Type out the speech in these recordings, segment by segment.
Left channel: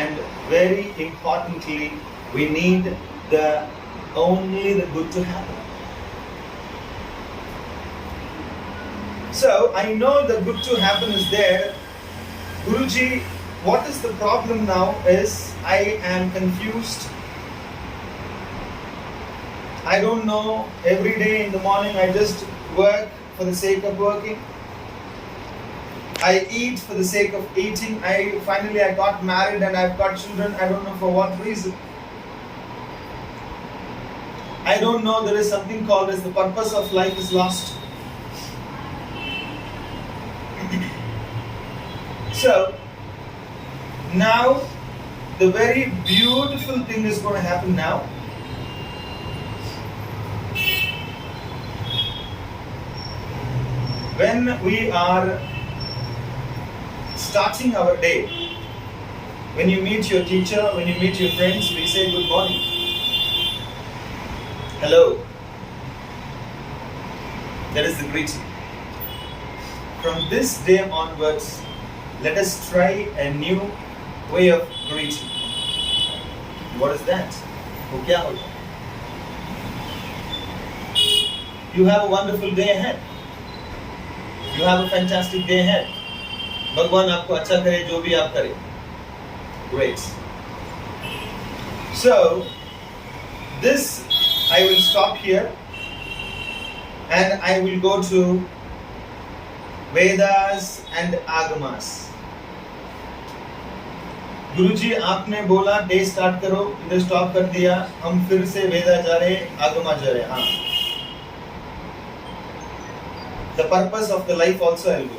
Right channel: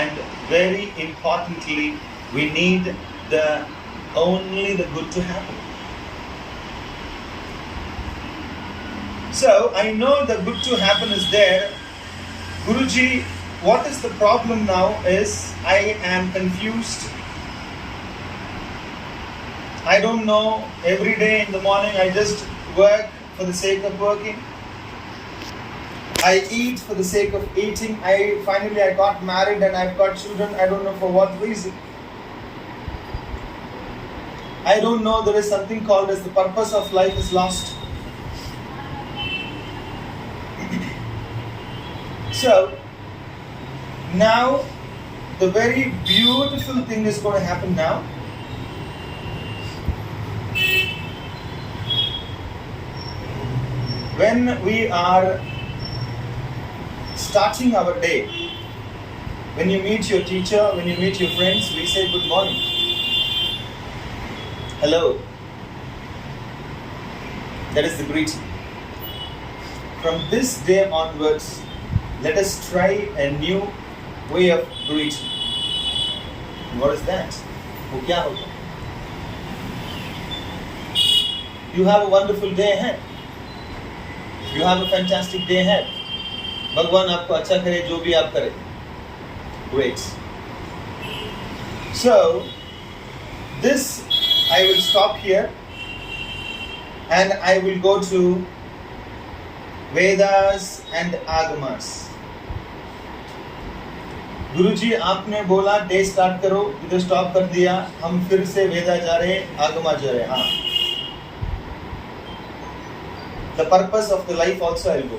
and very importantly, we need only the good to happen. So I know the good to happen is there. Guruji, what is the problem now is I am confused. I don't know, every day in the morning I just work for the sake of working. I eat for the sake of eating. Finally I got married and I've got children. I don't know for what reason. I don't know, there is something called as the purpose of life is lost. So, now the very beautiful thing is going to happen now. When we are starting our day, when you meet your teacher, when you meet your friends, we say good morning. Hello. That is the greeting. From this day onwards, let us try a new way of greeting. What is that? वो क्या होगा? You have a wonderful day ahead. You have a fantastic day ahead. भगवान आपको अच्छा करे जो भी आप करें. Great. So, this I will stop here and I will go to Vedas and Agamas. गुरुजी आपने बोला डे स्टार्ट करो, इधर स्टॉप कर दिया, हम फिर से वेदा जा रहे, आगमा जा रहे. हाँ. The purpose of the life also I will go.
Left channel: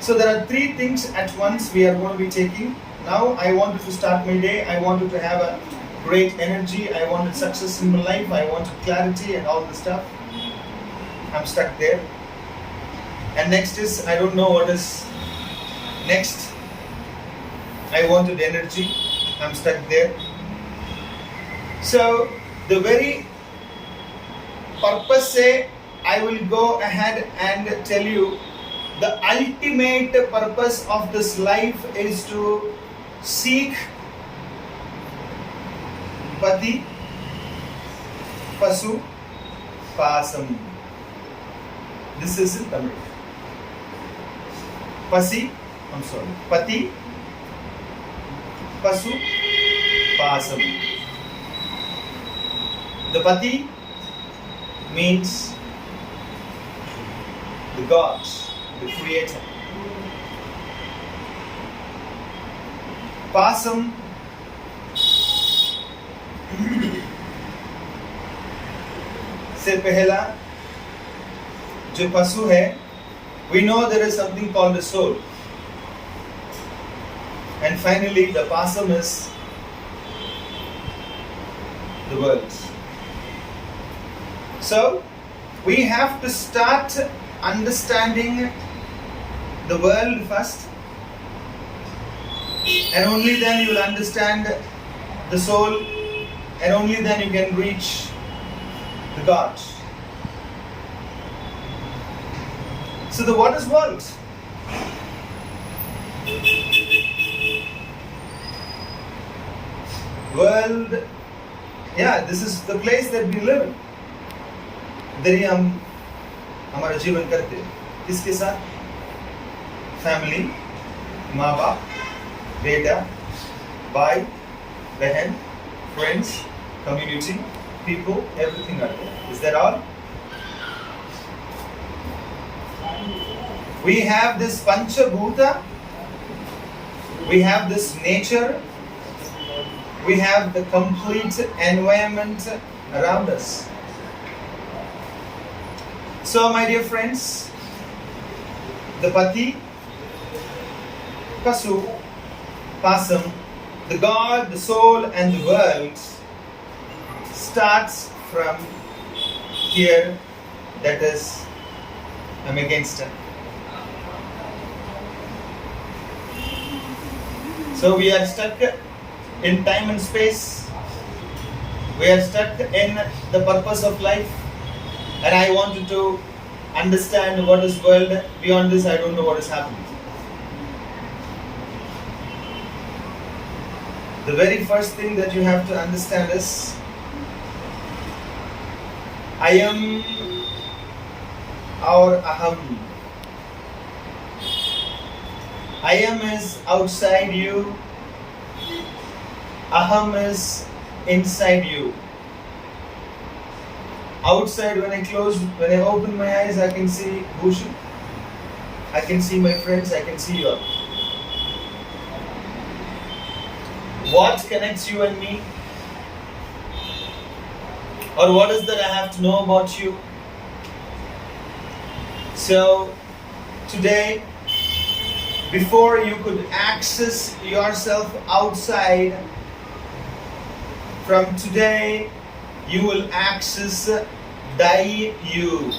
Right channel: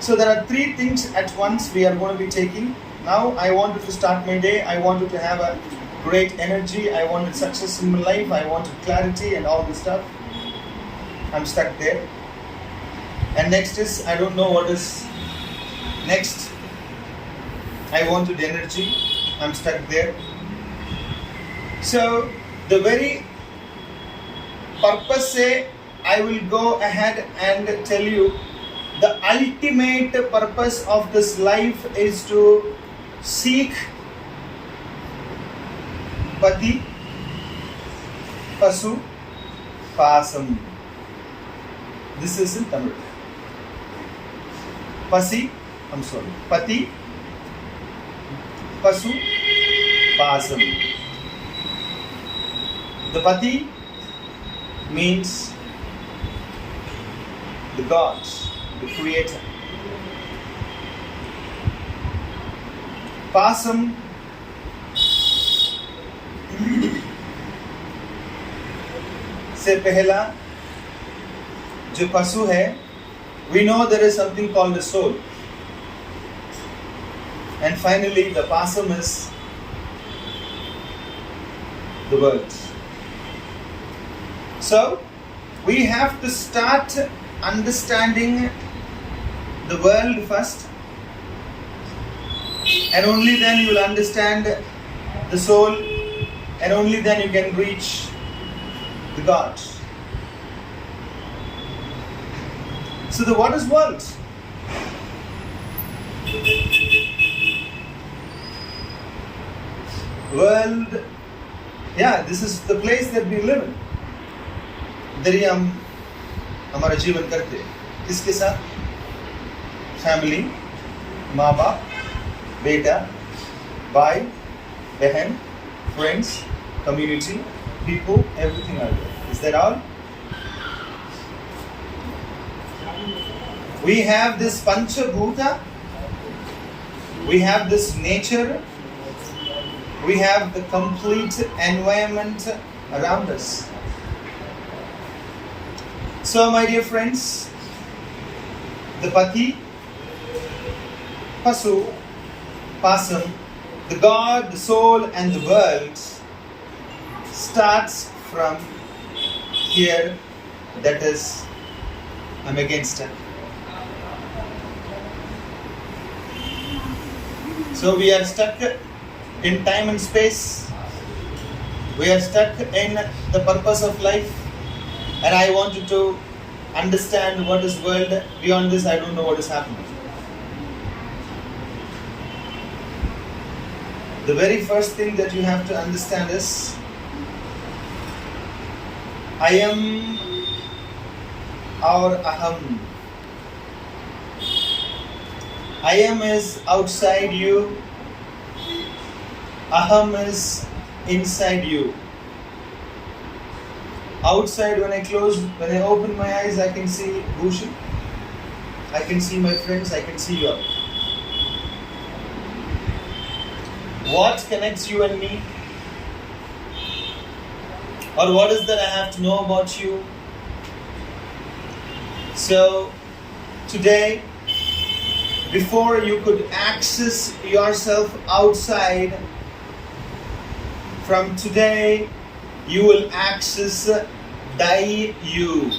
So there are three things at once we are going to be taking. Now I wanted to start my day. I wanted to have a great energy. I wanted success in my life. I wanted clarity and all this stuff. I'm stuck there. And next is, I don't know what is next. I wanted energy. I'm stuck there. So the very purpose say, I will go ahead and tell you the ultimate purpose of this life is to seek Pati, Pasu, Pasam. This is in Tamil. Pati, Pasu, Pasam. The Pati means the God, the Creator. Pasam से पहला जो पशु है, we know there is something called the soul. And finally the pasam is the world. So we have to start understanding the world first, and only then you will understand the soul, and only then you can reach the God. So what is world? World, yeah, this is the place that we live in. इधर ही हम हमारा जीवन करते हैं. किसके साथ? Family, माँ बाप, बेटा, भाई, बहन, friends, community, people, everything are there. Is that all? We have this Panchabhuta, we have this nature, we have the complete environment around us. So my dear friends, the Pati, Pasu, Pasam, the God, the soul and the world starts from here, that is, I'm against it. So we are stuck in time and space. We are stuck in the purpose of life. And I wanted to understand what is world. Beyond this, I don't know what is happening. The very first thing that you have to understand is, I am or aham. I am is outside you. Aham is inside you. Outside, when I open my eyes, I can see Bhushan. I can see my friends, I can see you. What connects you and me? Or what is that I have to know about you? So, today, before you could access yourself outside, from today, you will access thy you.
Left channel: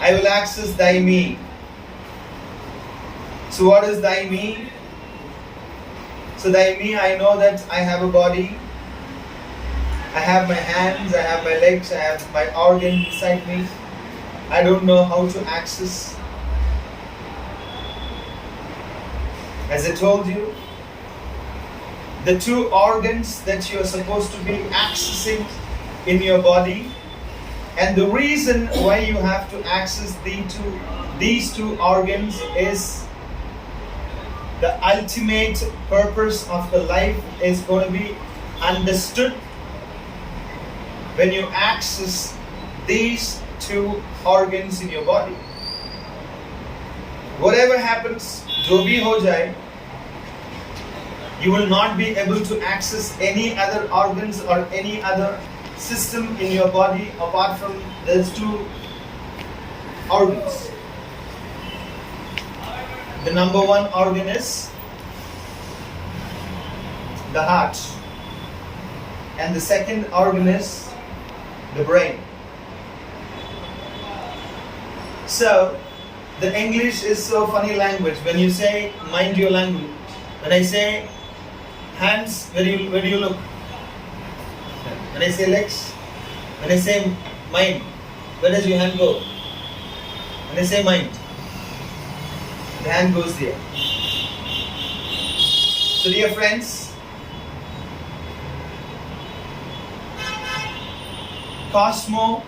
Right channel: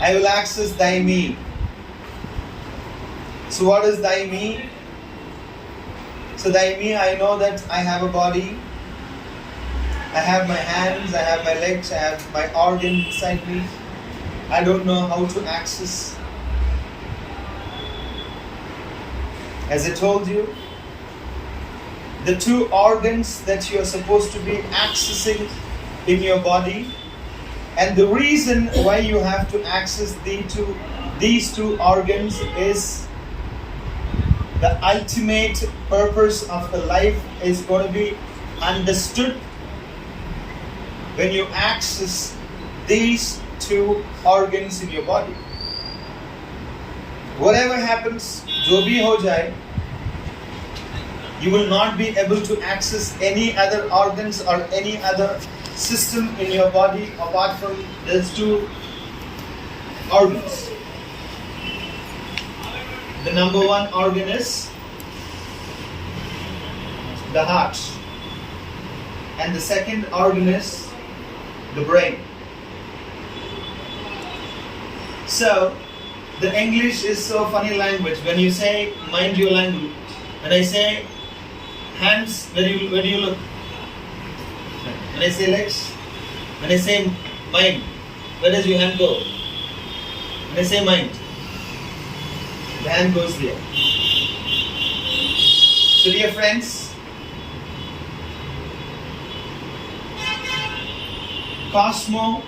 I will access thy me. So what is thy me? So thy me, I know that I have a body. I have my hands, I have my legs, I have my organ inside me. I don't know how to access. As I told you, the two organs that you are supposed to be accessing in your body, and the reason why you have to access these two organs is the ultimate purpose of the life is going to be understood when you access these two organs in your body. Whatever happens, jo bhi ho jaye, you will not be able to access any other organs or any other system in your body apart from those two organs. The number one organ is the heart, and the second organ is the brain. So, the English is so funny language. When you say mind your language, when I say hands, where do you look? When I say legs, when I say mind, where does your hand go? When I say mind, the hand goes there. So dear friends, Cosmo,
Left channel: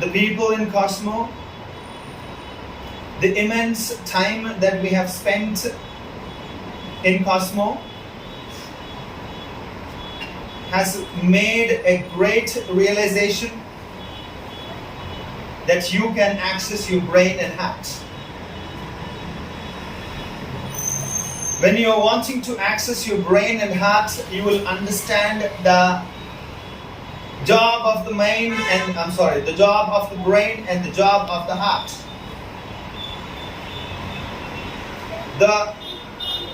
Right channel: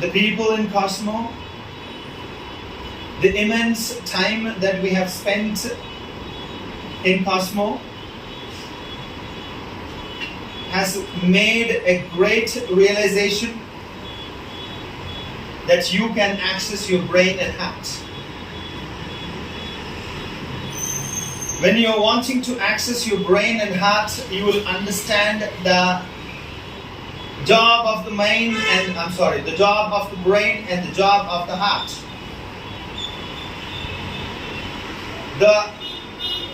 the people in Cosmo, the immense time that we have spent in Cosmo has made a great realization that you can access your brain and heart. When you are wanting to access your brain and heart, you will understand the job of the the job of the brain and the job of the heart.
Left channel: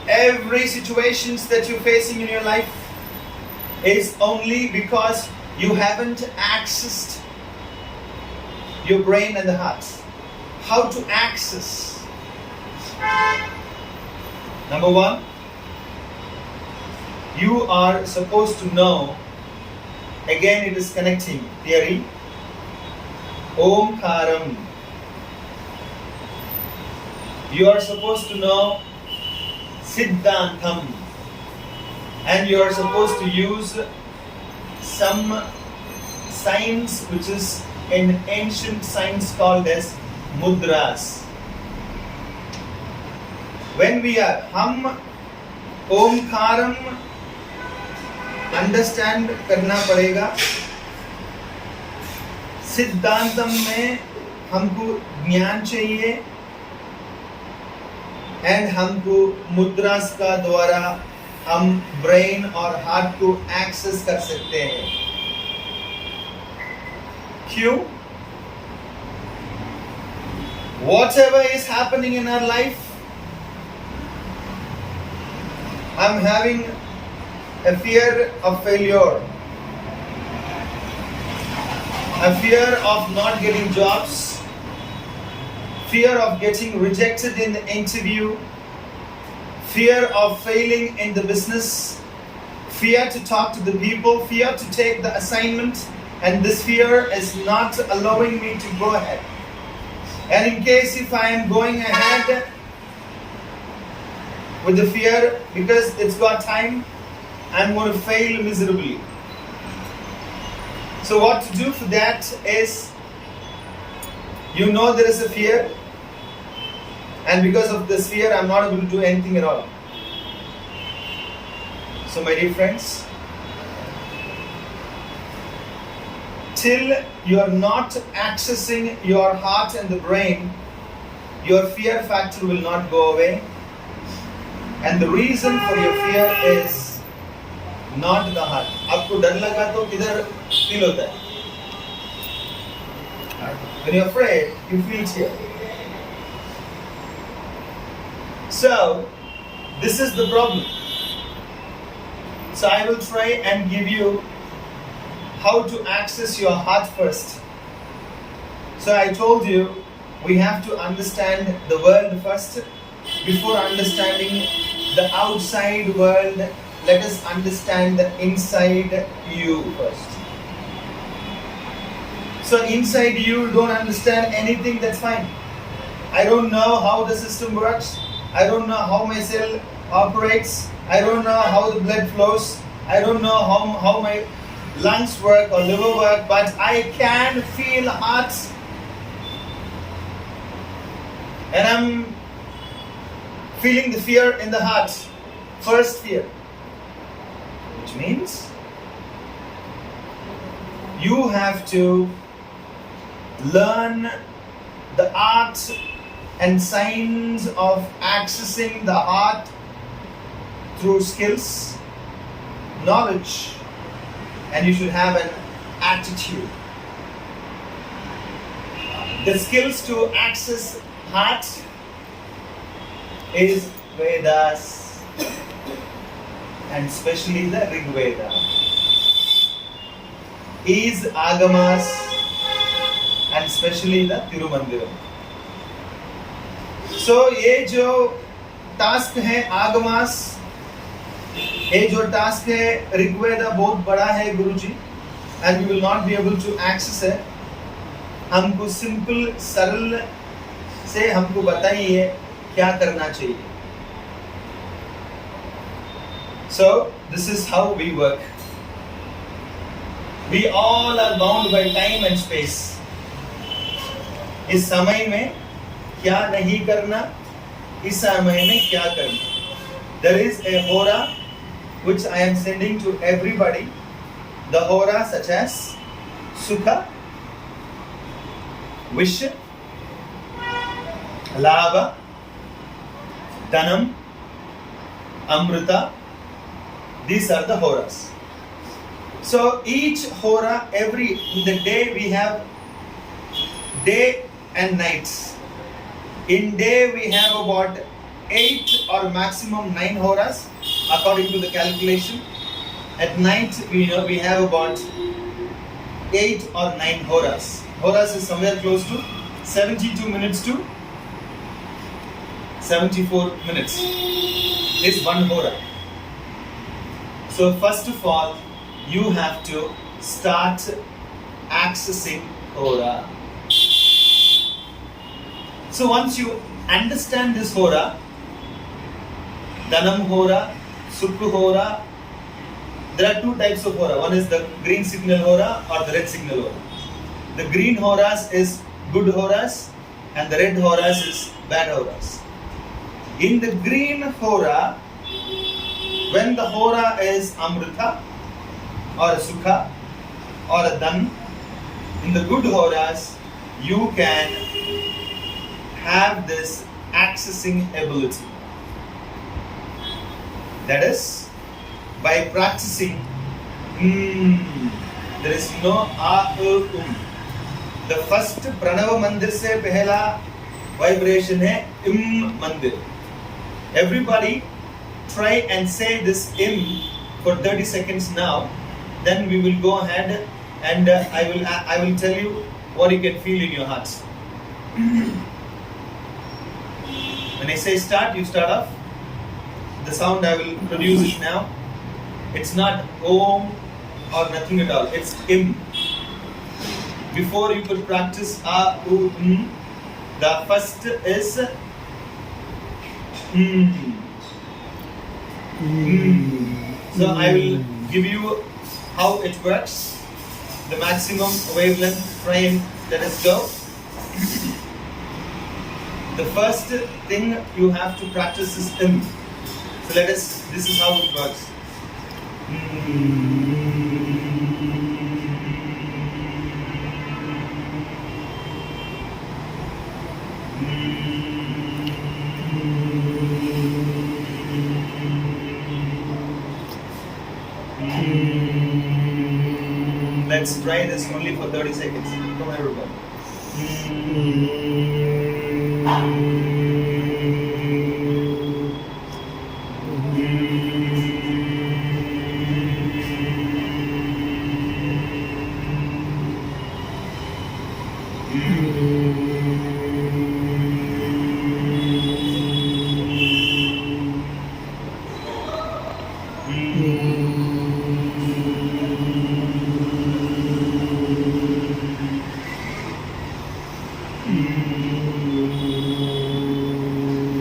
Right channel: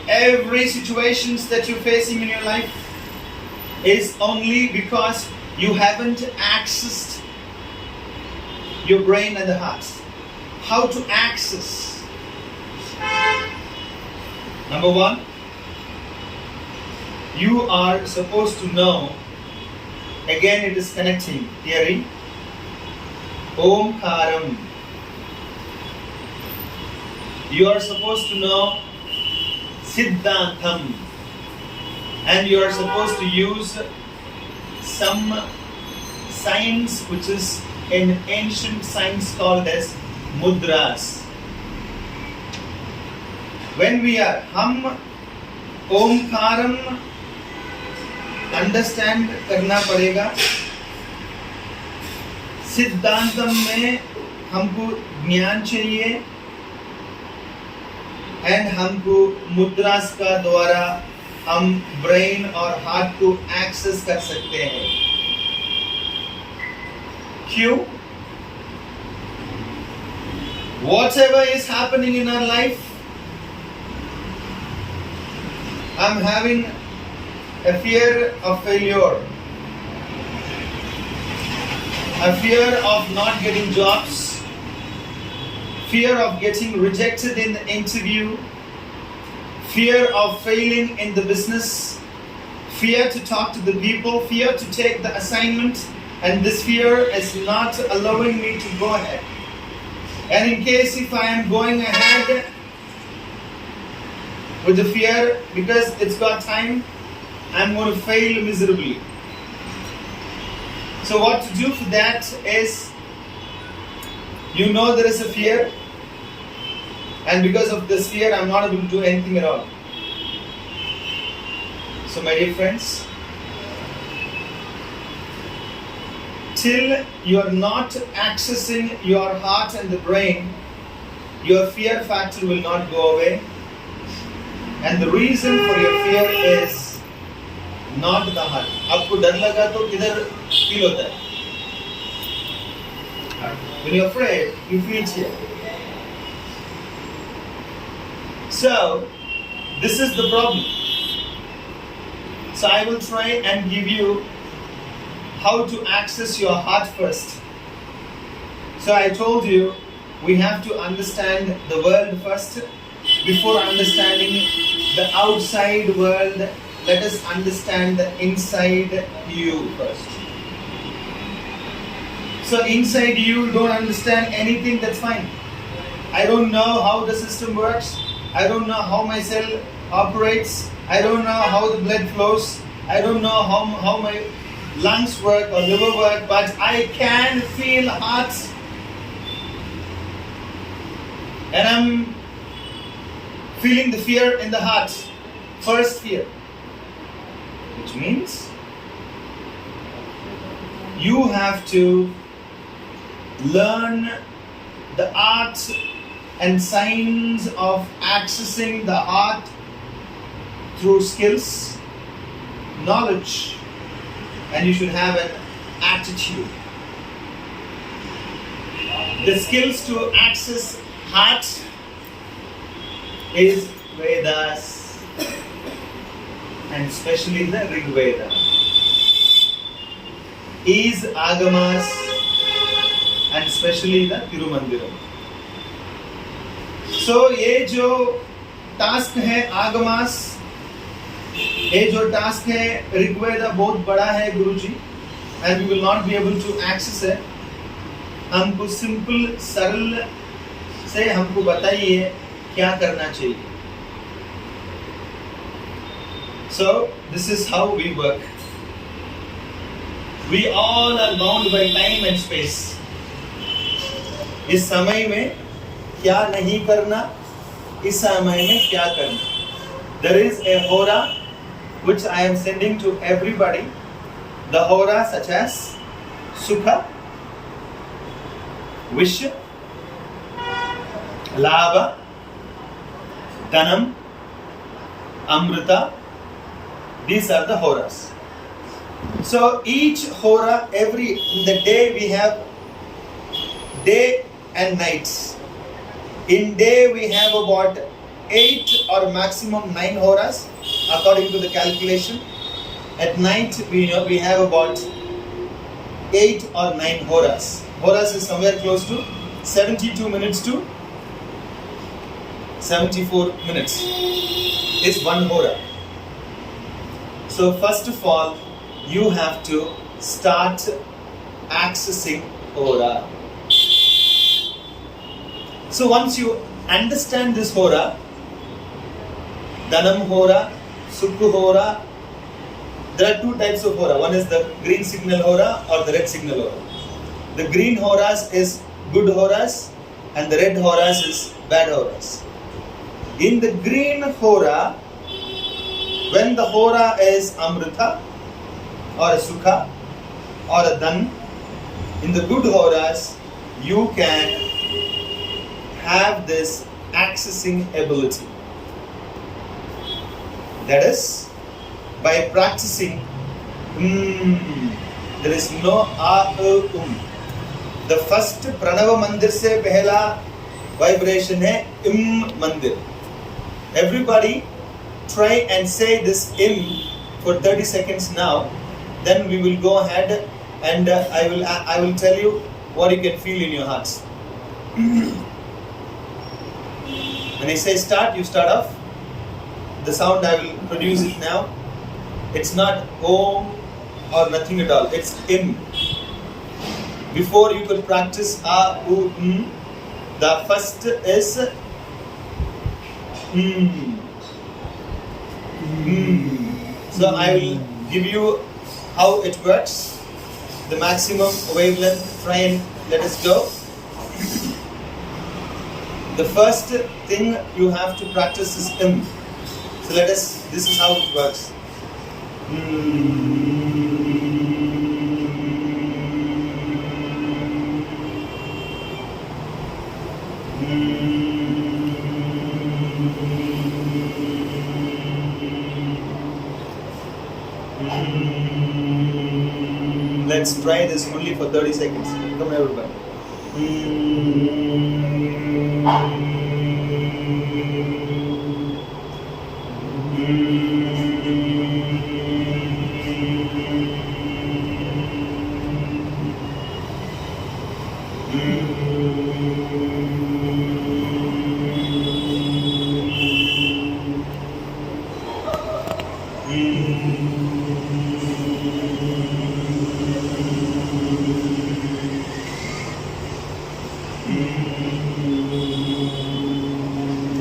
Every situations that you're facing in your life is only because you haven't accessed your brain and the heart. How to access? Number one, you are supposed to know, again it is connecting theory, Om Karam. You are supposed to know Siddhantam, and you are supposed to use some science which is an ancient science called as mudras. When we are hum Omkaram understand करना पड़ेगा. सिद्धांतम में हमको ज्ञान चाहिए and हमको मुद्रास का द्वारा हम ब्रेन और हार्ट को एक्सेस कर सकते हैं. क्यों? Whatever is happening in our life, I'm having a fear of failure, a fear of not getting jobs, fear of getting rejected in the interview, fear of failing in the business, fear to talk to the people, fear to take the assignment, and this fear is not allowing me to go ahead. And in case if I am going ahead, with the fear, because it's got time, I'm going to fail miserably. So what to do for that is, you know there is a fear, and because of this fear I'm not able to do anything at all. So my dear friends, till you are not accessing your heart and the brain, your fear factor will not go away. And the reason for your fear is not the heart. आपको डर लगा तो किधर feel होता है? When you're afraid, you feel it here. So, this is the problem. So I will try and give you how to access your heart first. So I told you, we have to understand the world first. Before understanding the outside world, let us understand the inside you first. So inside you don't understand anything, that's fine. I don't know how the system works. I don't know how my cell operates. I don't know how the blood flows. I don't know how my lungs work or liver work, but I can feel heart. And I'm feeling the fear in the heart. First fear. Which means you have to learn the art and science of accessing the heart through skills, knowledge, and you should have an attitude. The skills to access heart is Vedas, and especially the Rig Veda. Is Agamas, and especially the Tirumandiram. So ये जो task है आगमास, ये जो task है ऋग्वेद बहुत बड़ा है गुरुजी, and we will not be able to access it. हमको सिंपल सरल से हमको बताइए क्या करना चाहिए. So this is how we work. We all are bound by time and space. इस समय में क्या नहीं करना, इस समय में क्या करना. There is a hora which I am sending to everybody. The hora such as Sukha, Wish, Labha, Dhanam, Amrita. These are the horas. So each hora, in the day we have day and nights. In day we have about 8 or maximum 9 horas according to the calculation. At night we have about 8 or 9 horas. Horas is somewhere close to 72 minutes to 74 minutes. It's 1 hora. So first of all, you have to start accessing hora. So once you understand this hora, Dhanam hora, Sukhu hora, there are 2 types of hora. One is the green signal hora or the red signal hora. The green horas is good horas and the red horas is bad horas. In the green hora, when the hora is Amrita or a Sukha or a Dhan, in the good horas, you can have this accessing ability. That is, by practicing, there is no The first Pranava Mandir se pehla vibration hai Mandir. Everybody try and say this for 30 seconds now. Then we will go ahead and I will tell you what you can feel in your hearts. When I say start, you start off. The sound I will produce it now. It's not Om or nothing at all. It's Im. Before you could practice A, U, M, the first is So I will give you how it works, the maximum wavelength. Try and let us go. The first thing you have to practice is M. So this is how it works. Let's try this only for 30 seconds. Come on, everybody.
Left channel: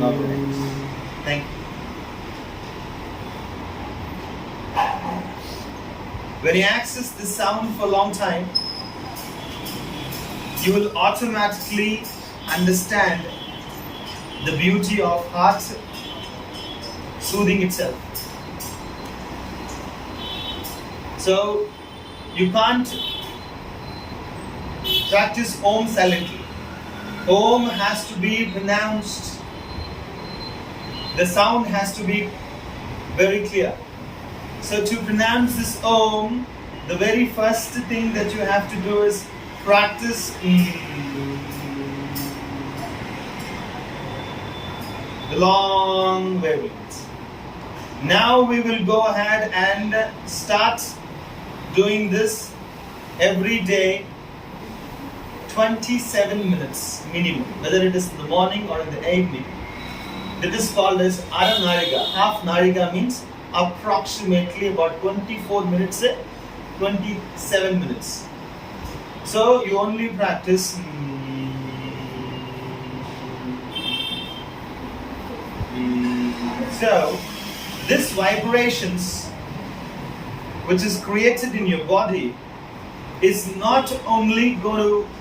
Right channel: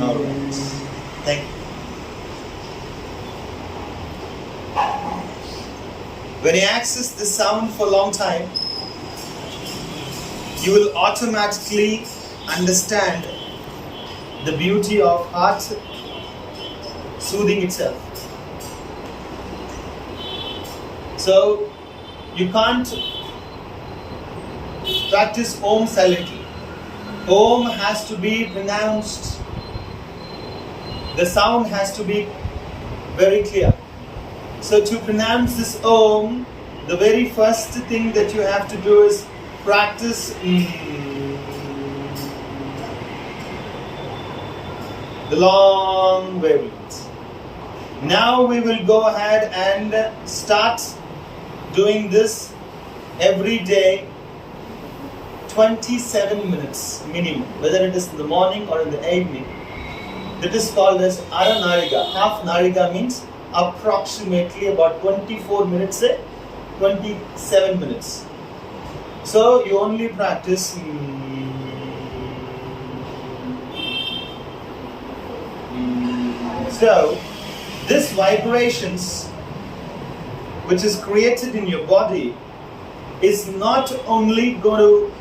All right. Thank you. When you access the sound for a long time, you will automatically understand the beauty of heart soothing itself. So you can't practice Om silently. Om has to be pronounced. The sound has to be very clear. So to pronounce this Om, the very first thing that you have to do is practice the long wavelengths. Now we will go ahead and start doing this every day, 27 minutes minimum, whether it is in the morning or in the evening. That is called as Ara Nariga. Half Nariga means approximately about 24 minutes, 27 minutes. So you only practice So this vibrations which is created in your body is not only going to,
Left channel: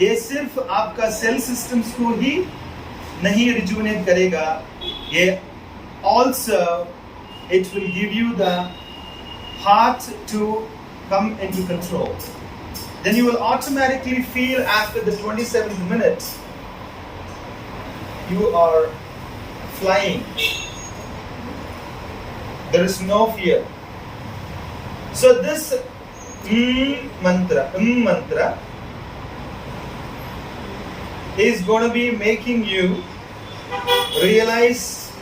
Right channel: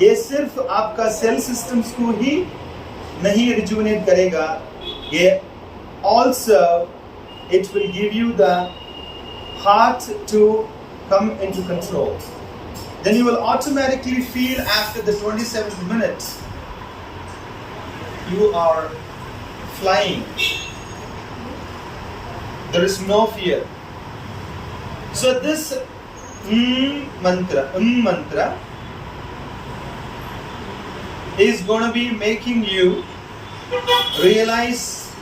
ये सिर्फ आपका cell systems को ही नहीं rejuvenate करेगा, ये also it will give you the heart to come into control. Then you will automatically feel after the 27th minute you are flying. There is no fear. So this mantra is going to be making you realize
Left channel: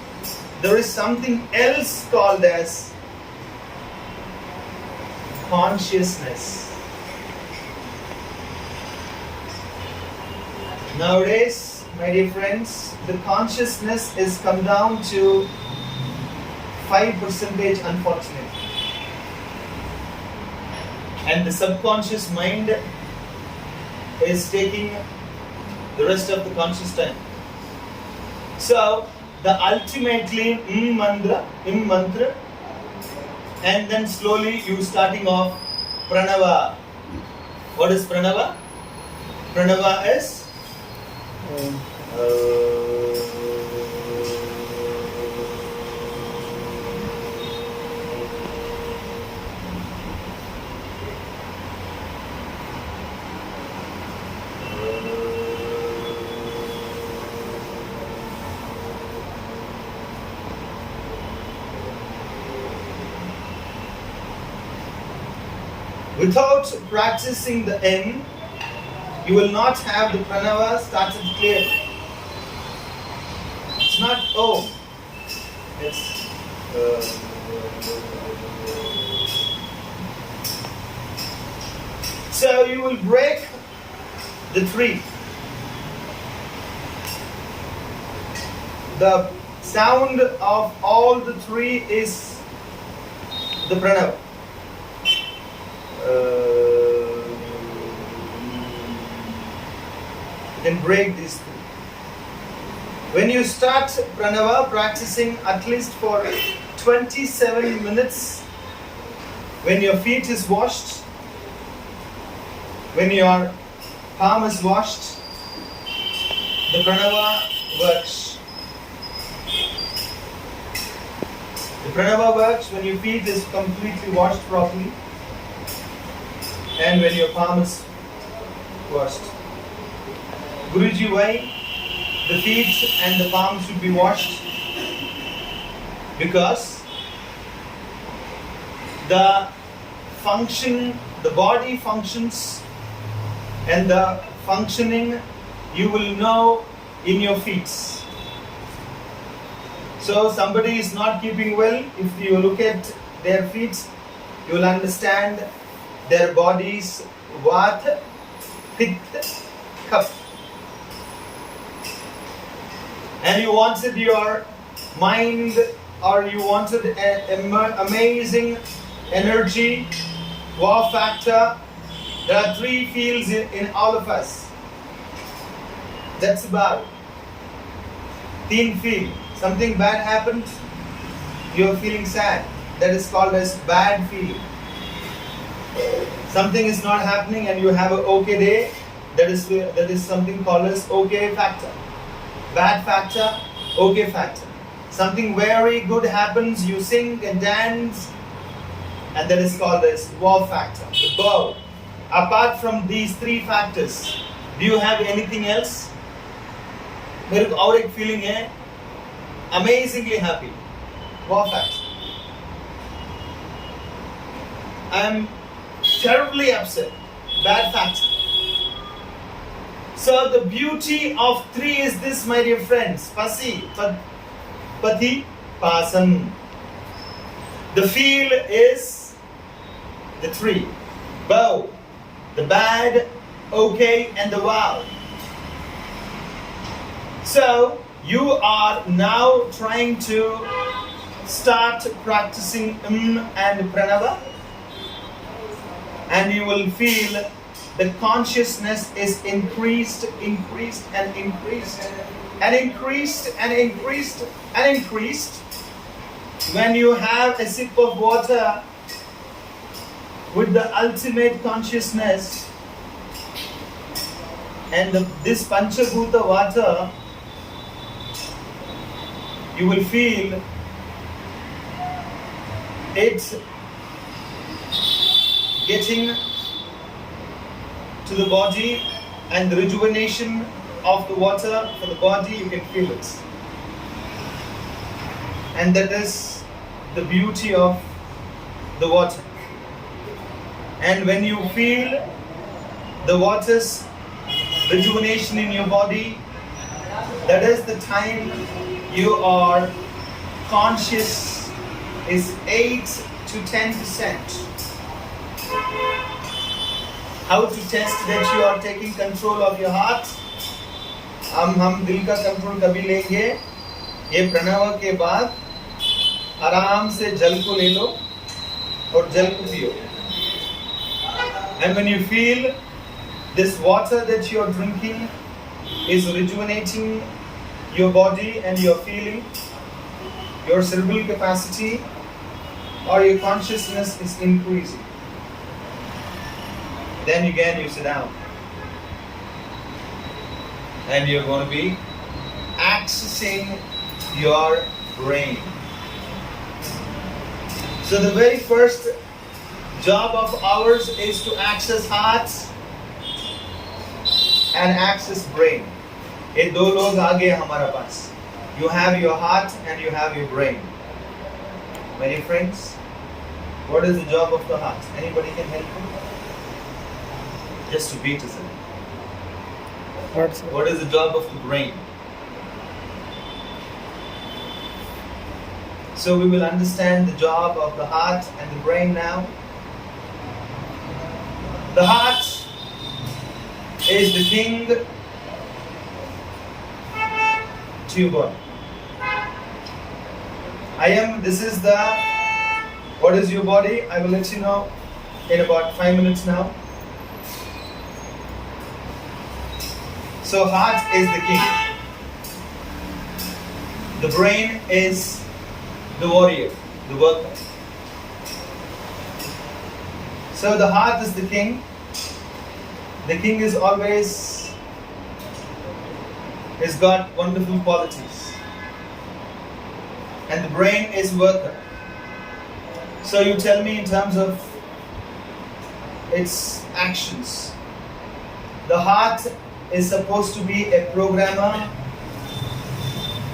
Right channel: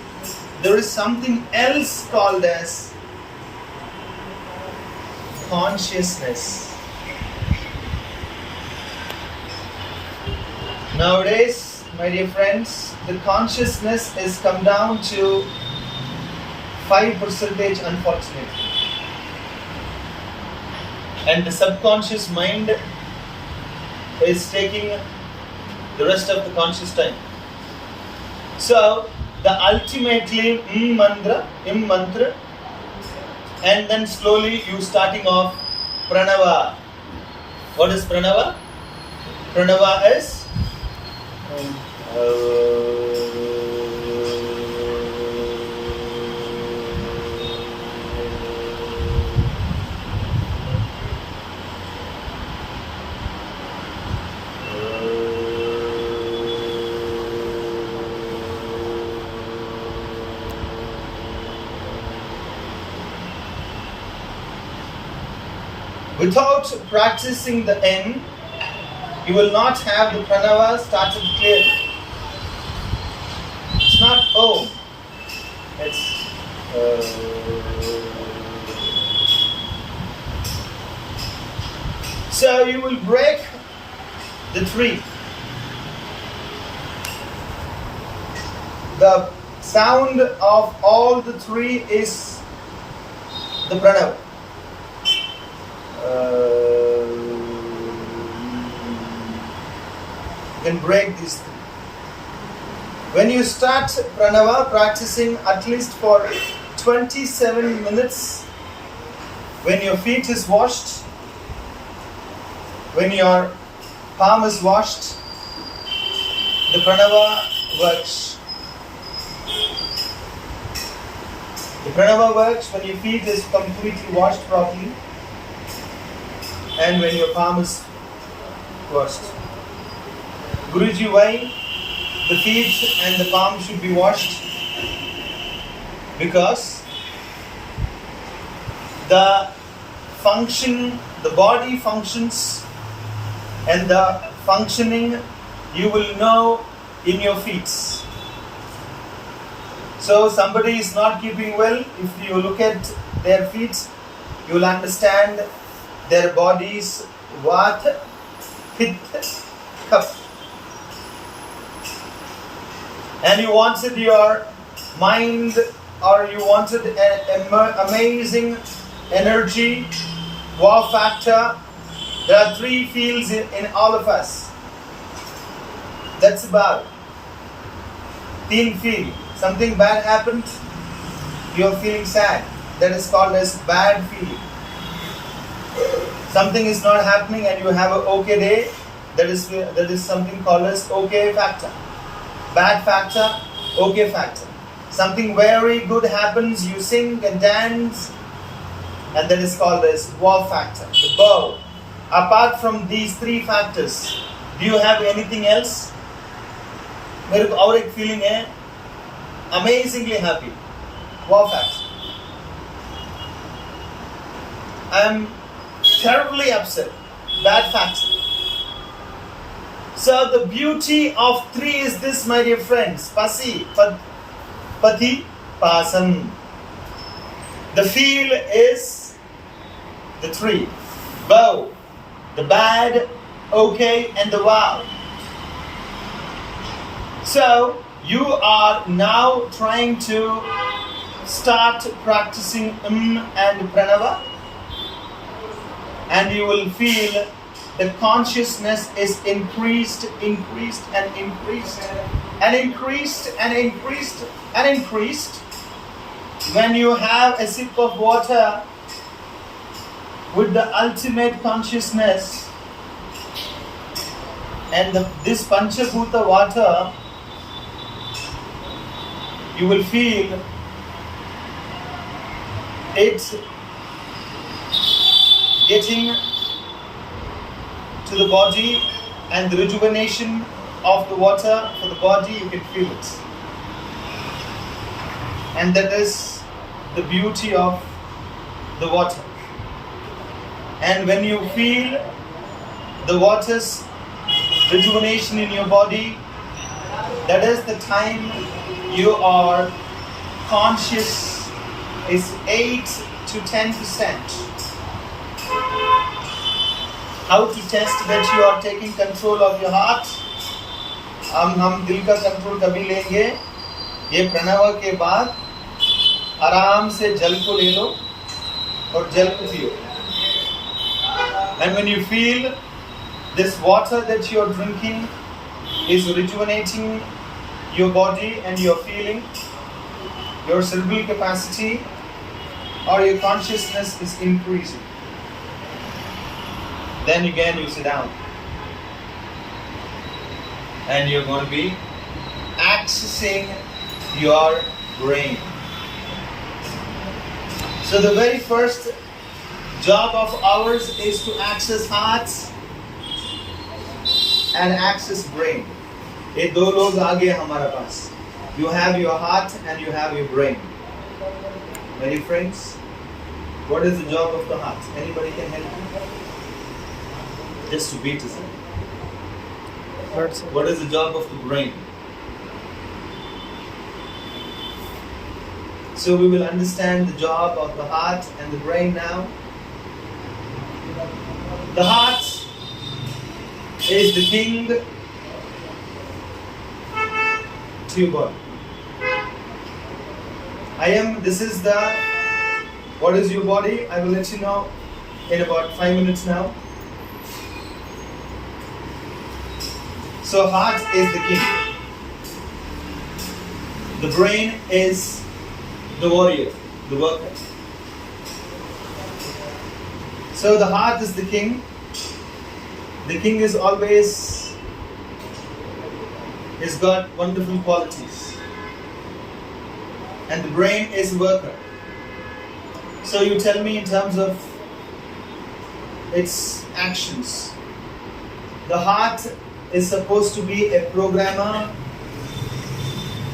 there is something else called as consciousness. Nowadays, my dear friends, the consciousness is come down to 5% unfortunately. And the subconscious mind is taking the rest of the conscious time. So, the ultimately mantra, and then slowly you starting off pranava. What is pranava? Pranava is without practicing the N, you will not have the pranava started clearly. It's not Om. It's So you will break the tree. The sound of all the three is the pranava. You can break these things. When you start pranava practicing at least for 27 minutes when your feet is washed, when your palm is washed, the pranava works. The pranava works when your feet is completely washed properly and when your palm is washed. Guruji, why the feet and the palm should be washed? Because the body functions and the functioning you will know in your feet. So somebody is not keeping well, if you look at their feet, you will understand their body's vata, pitta, kapha. And you wanted your mind, or you wanted an amazing energy, wow factor. There are 3 fields in all of us. That's about 3 field. Something bad happened, you are feeling sad. That is called as bad feeling. Something is not happening and you have an okay day. That is something called as okay factor. Bad factor, okay factor. Something very good happens, you sing and dance, and that is called as wow factor, the bow. Apart from these 3 factors, do you have anything else? मेरे को और एक feeling है, amazingly happy, wow factor. I am terribly upset, bad factor. So the beauty of 3 is this, my dear friends. Pati, pasam. The feel is the 3. Bow, the bad, okay, and the wow. So you are now trying to start practicing and pranava, and you will feel the consciousness is increased and increased and increased when you have a sip of water with the ultimate consciousness and this Panchabhuta water, you will feel it getting to the body, and the rejuvenation of the water for the body, you can feel it. And that is the beauty of the water. And when you feel the water's rejuvenation in your body, that is the time you are conscious is 8 to 10%. How to test that you are taking control of your heart? हम दिल का control कभी लेंगे? ये प्रणव के बाद आराम से जल को ले लो और जल को पियो. And when you feel this water that you are drinking is rejuvenating your body and your feeling, your cerebral capacity or your consciousness is increasing. Then again you sit down and you're going to be accessing your brain. So the very first job of ours is to access hearts and access brain. ये दो लोग आगे हमारे पास. You have your heart and you have your brain. My dear friends, what is the job of the heart? Anybody can help me? Just repeat it. What is the job of the brain? So we will understand the job of the heart and the brain now. The heart is the king to your body. What is your body? I will let you know in about 5 minutes now. So heart is the king. The brain is the warrior. the worker. So the heart is the king. The king is always, has got wonderful qualities. And the brain is worker. So you tell me in terms of its actions. The heart is supposed to be a programmer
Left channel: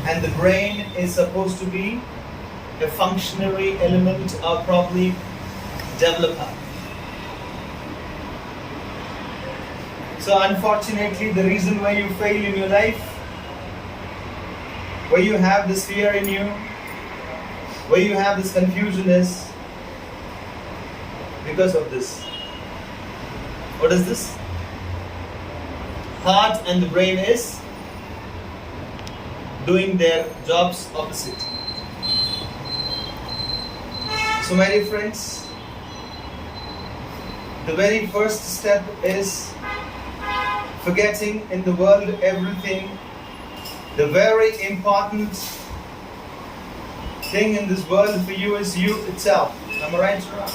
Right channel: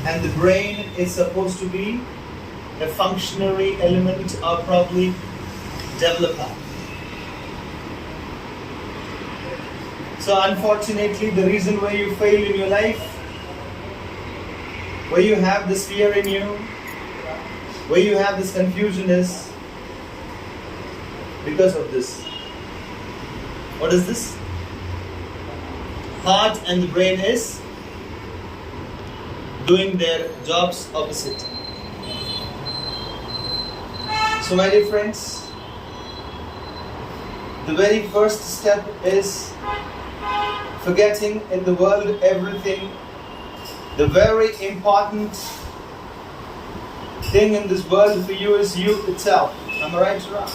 and the brain is supposed to be a functionary element or probably developer. So unfortunately, the reason why you fail in your life, why you have this fear in you, why you have this confusion is because of this. What is this? Heart and the brain is doing their jobs opposite. So my dear friends, the very first step is forgetting in the world everything. The very important thing in this world for you is you itself. Am I right or wrong?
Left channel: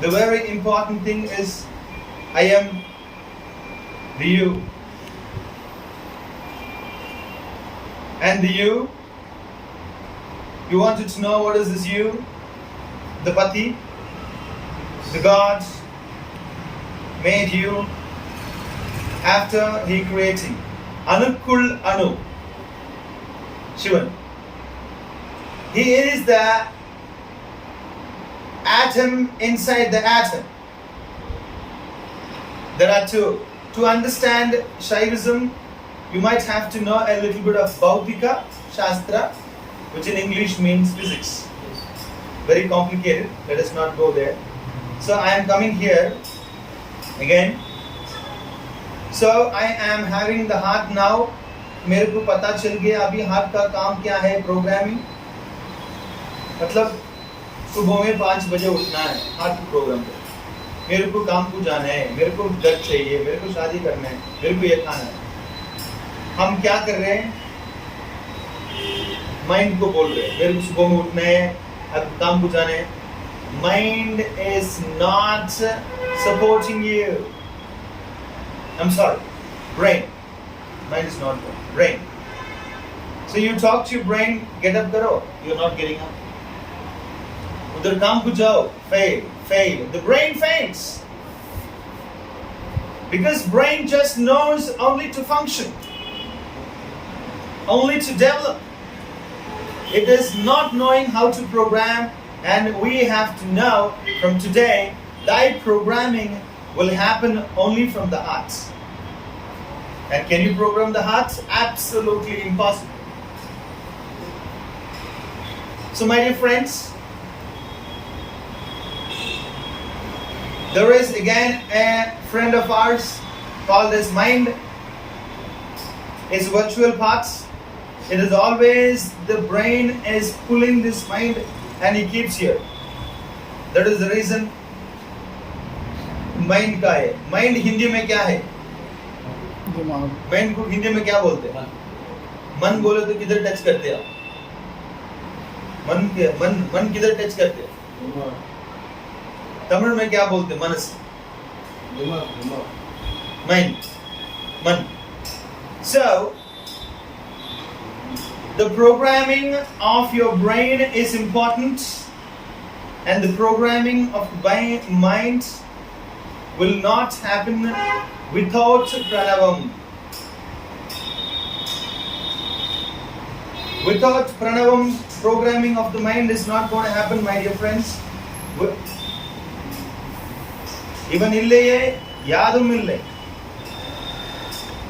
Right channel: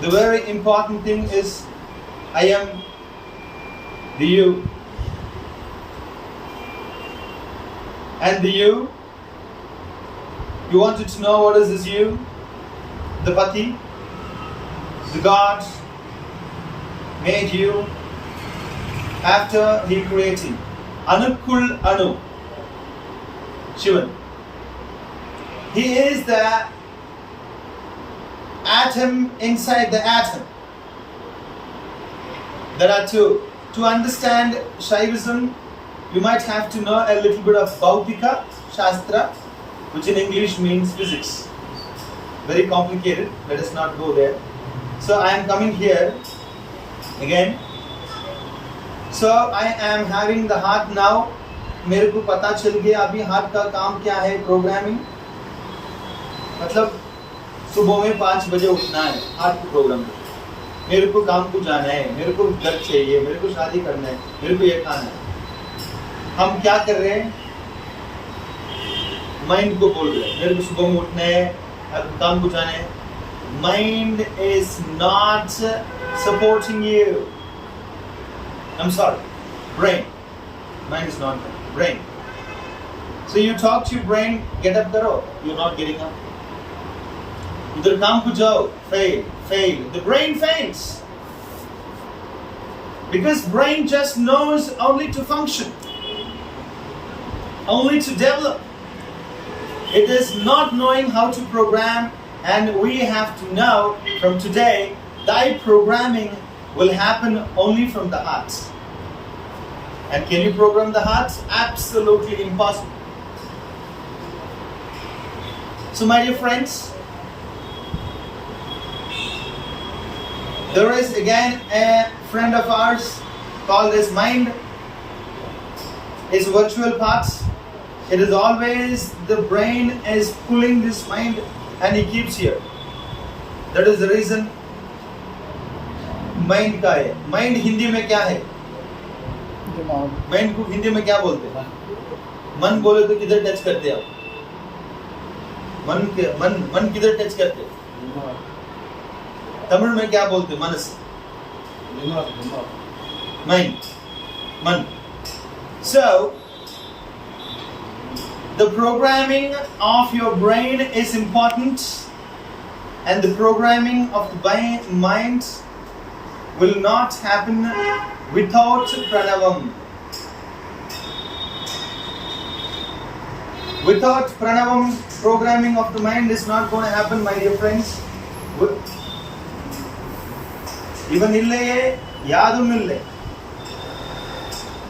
The very important thing is I am the you. And the you wanted to know what is this you? The Pati, the God made you after he creating. Anukul Anu, Shivan. He is the atom inside the atom. There are two. To understand Shaivism, you might have to know a little bit of Bhautika Shastra, which in English means physics. Very complicated, let us not go there. So I am coming here again. So I am having the heart now. मेरे को पता चल गया अभी heart का काम क्या है, प्रोग्रामिंग. मतलब सुबह में 5 बजे उठना है, हार्ट को प्रोग्राम कर. मेरे को काम को जाना है, मेरे को घर चाहिए, मेरे को शादी करना है, मेरे को ये खाना है. हम क्या कर रहे हैं? माइंड को बोल रहे हैं मेरे को सुबह में उठना है, अब काम को जाना है. Mind is not supporting you. I'm sorry, brain. Mind is not there. Brain. So you talk to your brain, get up karo. You're not getting up. Udhar kaam ko jao, fail. The brain fails. Because brain just knows only to function. Only to develop. It is not knowing how to program, and we have to know from today that programming will happen only from the heart. And can you program the heart? Absolutely impossible. So my dear friends, there is again a friend of ours called as mind. It's virtual parts. It is always the brain is pulling this mind and he keeps here. That is the reason mind का है. Mind Hindi में क्या है? Mind को हिंदी में क्या बोलते हैं? मन बोले तो किधर टच करते आप? मन किधर टच करते हैं? तमिल में क्या बोलते हैं? मनस. Mind. मन. So the programming of your brain is important, and the programming of the mind will not happen without pranavam. Without pranavam, programming of the mind is not going to happen, my dear friends. Even illeye, yadum ille.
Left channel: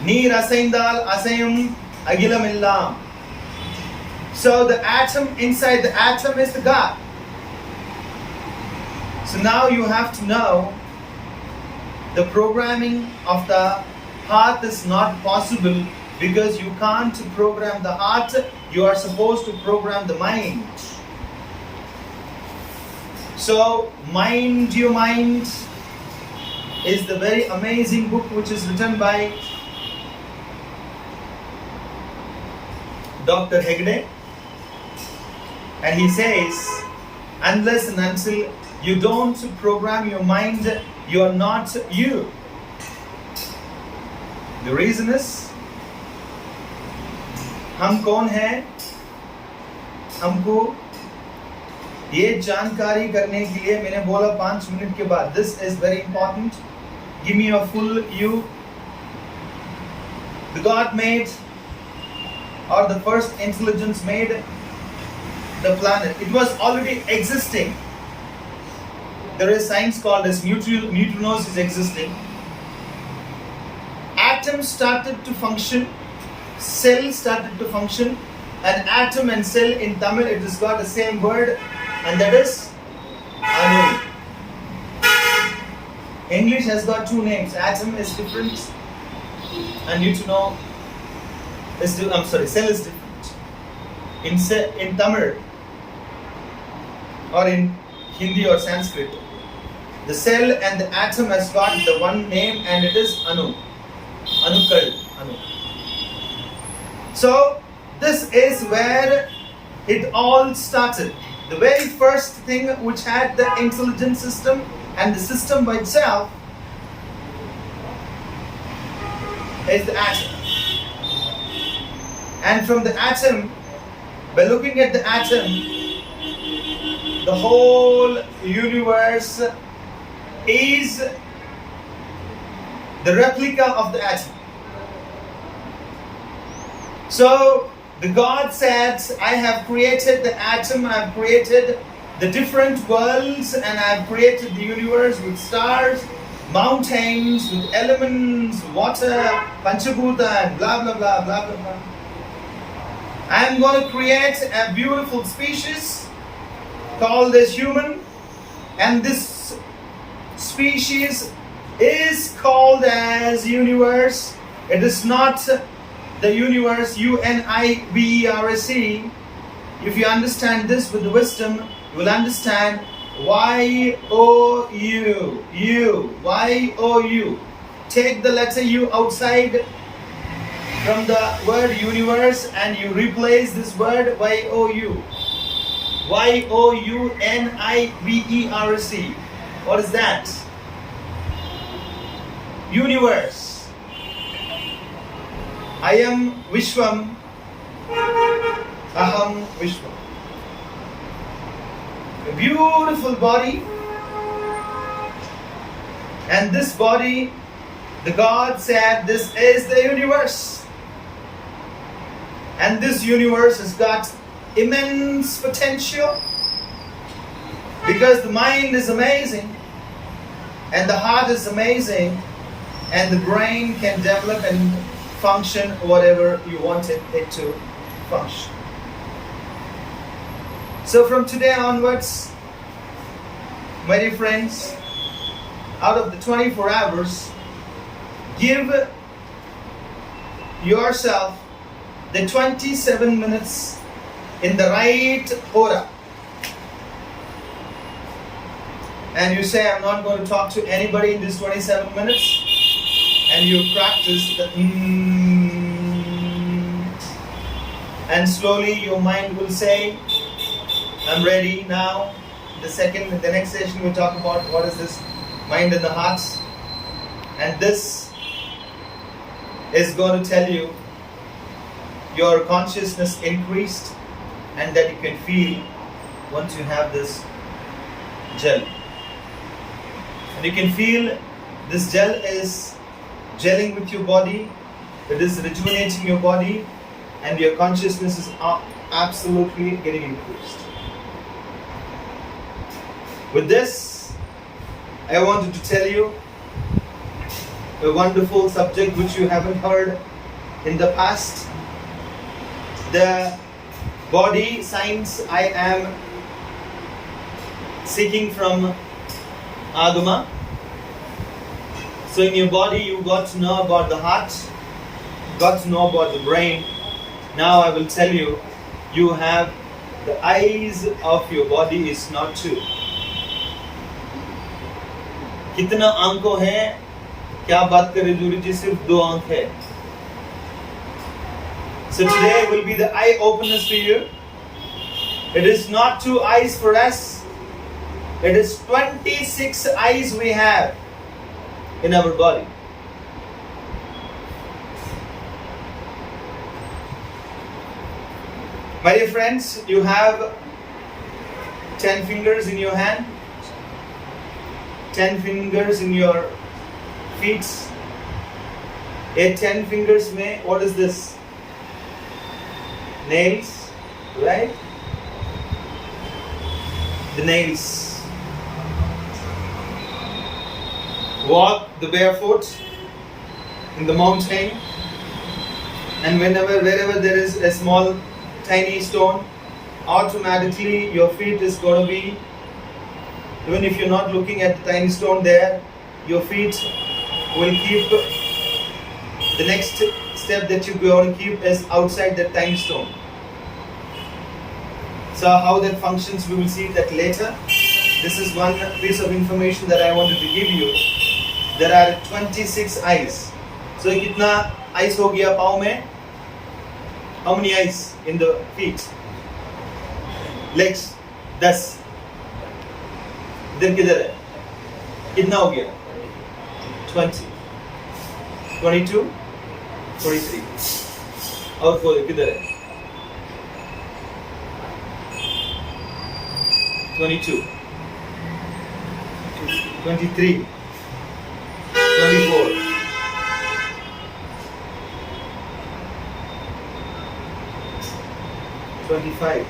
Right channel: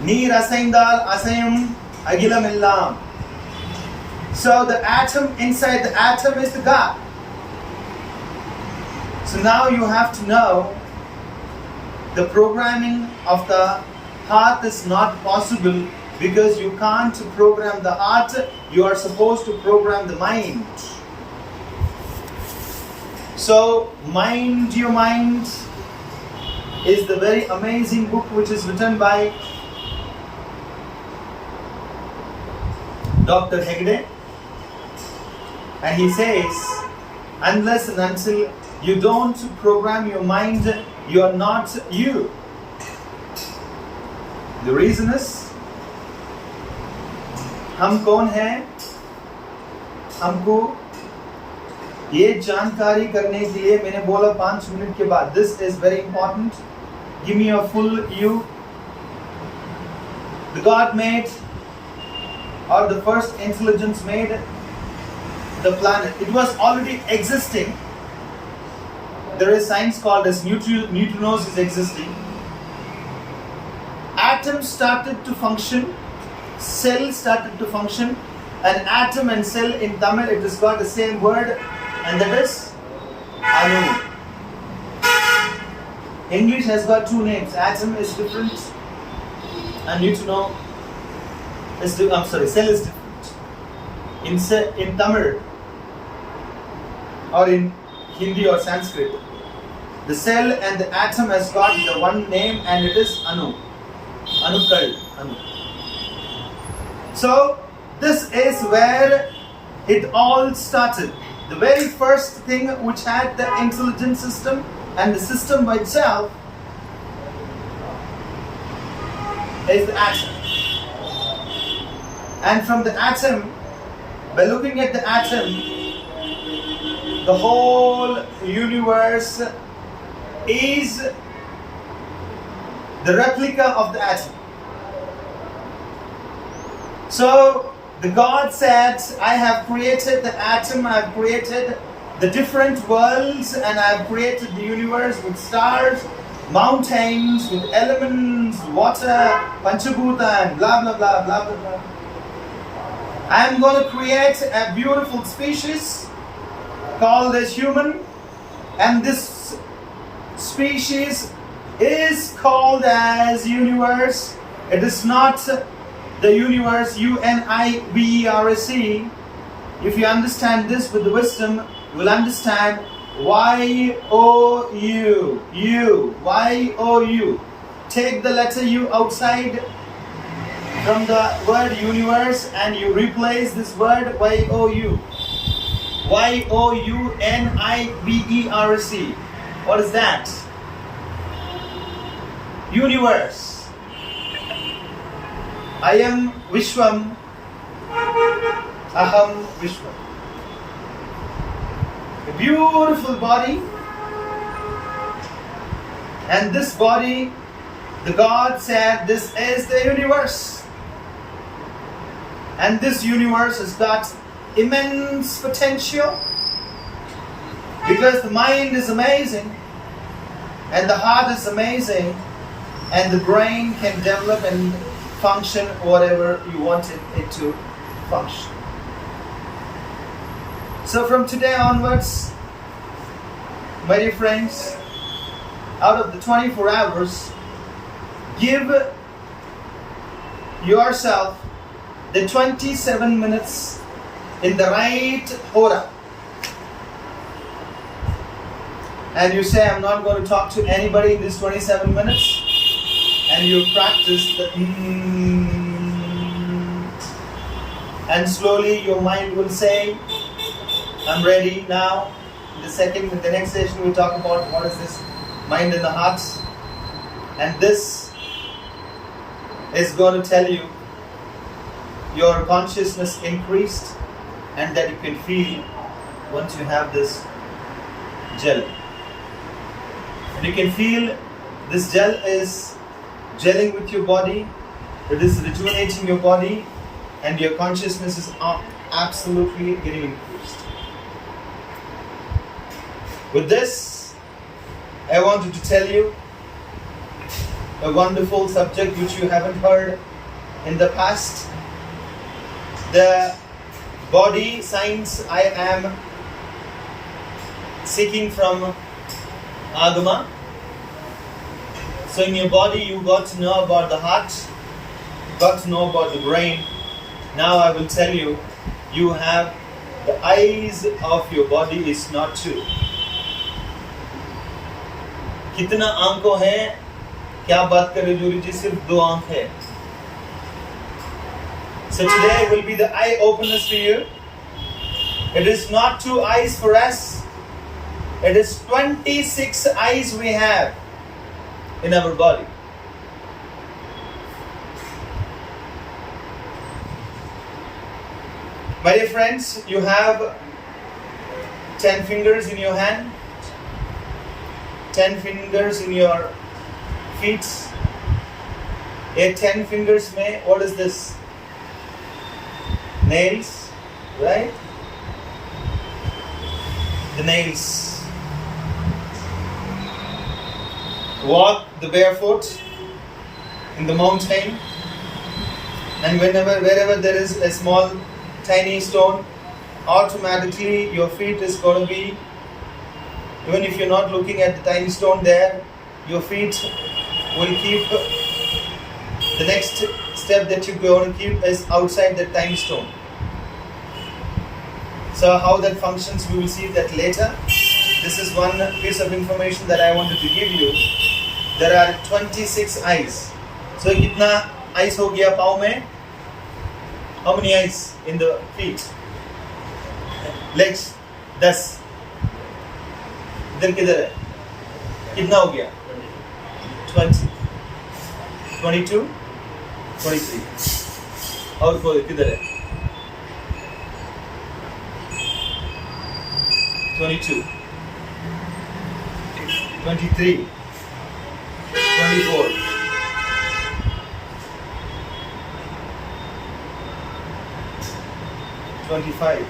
Neer asaindal asayam agilam illam. So the atom inside the atom is the God. So now you have to know the programming of the heart is not possible because you can't program the heart. You are supposed to program the mind. So Mind Your Mind is the very amazing book which is written by Dr. Hegde. And he says, unless and until you don't program your mind, you are not you. The reason is, हम कौन हैं? हमको ये जानकारी करने के लिए मैंने बोला 5 मिनट के बाद, this is very important. Give me a full you. The God made, or the first intelligence made the planet. It was already existing. There is science called as neutrinos is existing. Atoms started to function, cell started to function, and atom and cell in Tamil it has got the same word, and that is Anu. English has got 2 names. Atom is different, and neutrino is cell is different. In Tamil or in Hindi or Sanskrit, the cell and the atom has got the one name, and it is Anu. Anu. So this is where it all started. The very first thing which had the intelligent system and the system by itself is the atom. And from the atom, by looking at the atom, the whole universe is the replica of the atom. So the God said, I have created the atom, I have created the different worlds, and I have created the universe with stars, mountains, with elements, water, Panchabhuta, and blah blah blah blah blah blah. I am going to create a beautiful species called as human, and this species is called as universe. It is not the universe, universe. If you understand this with the wisdom, you will understand Y-O-U. Y-O-U. Take the letter U outside from the word universe and you replace this word Y-O-U. Y-O-U-N-I-V-E-R-S-E. What is that? Universe. I am Vishwam. Aham Vishwam. A beautiful body. And this body, the God said, this is the universe. And this universe has got immense potential because the mind is amazing and the heart is amazing and the brain can develop and function whatever you want it to function. So from today onwards, my dear friends, out of the 24 hours, give yourself the 27 minutes in the right hora. And you say, I'm not going to talk to anybody in this 27 minutes. And you practice the and slowly your mind will say, I'm ready now. In the next session we'll talk about what is this mind and the heart. And this is going to tell you your consciousness increased and that you can feel once you have this gel. And you can feel this gel is gelling with your body, it is rejuvenating your body, and your consciousness is absolutely getting increased. With this, I wanted to tell you a wonderful subject which you haven't heard in the past. The body science I am seeking from Agama. So in your body you got to know about the heart, got to know about the brain. Now I will tell you, you have the eyes of your body is not two. कितना आंखों है? क्या बात करे jury जी, सिर्फ 2 आंख है. So today will be the eye openers to you. It is not 2 eyes for us. It is 26 eyes we have in our body. My dear friends, you have 10 fingers in your hand, 10 fingers in your feet. 10 fingers mein, what is this? Nails, right? The nails. Walk the barefoot in the mountain, and wherever there is a small tiny stone, automatically your feet is going to be, even if you're not looking at the tiny stone there, your feet will keep, the next step that you're going to keep is outside that tiny stone. So how that functions, we will see that later. This is one piece of information that I wanted to give you. There are 26 eyes. So kitna eyes ho gaya pav mein? How many eyes in the feet? Legs 10. इधर किधर है? कितना हो गया? 20, 22, 23. और कोई किधर है? 22, 23, 24. 25.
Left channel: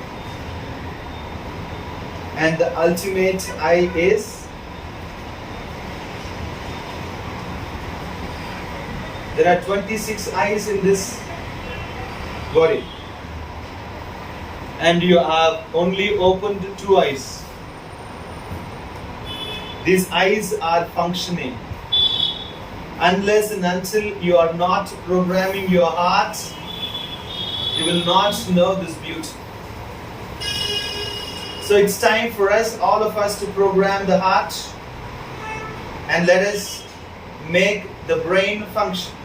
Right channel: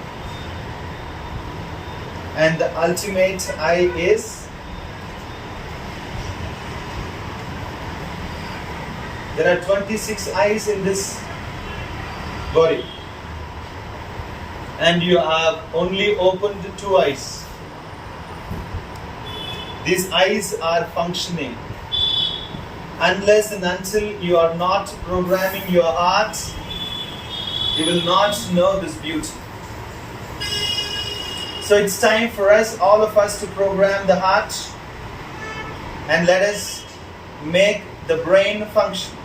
And the ultimate eye is, there are 26 eyes in this body, and you have only opened 2 eyes. These eyes are functioning. Unless and until you are not programming your heart, you will not know this beauty. So it's time for us, all of us, to program the heart, and let us make the brain function.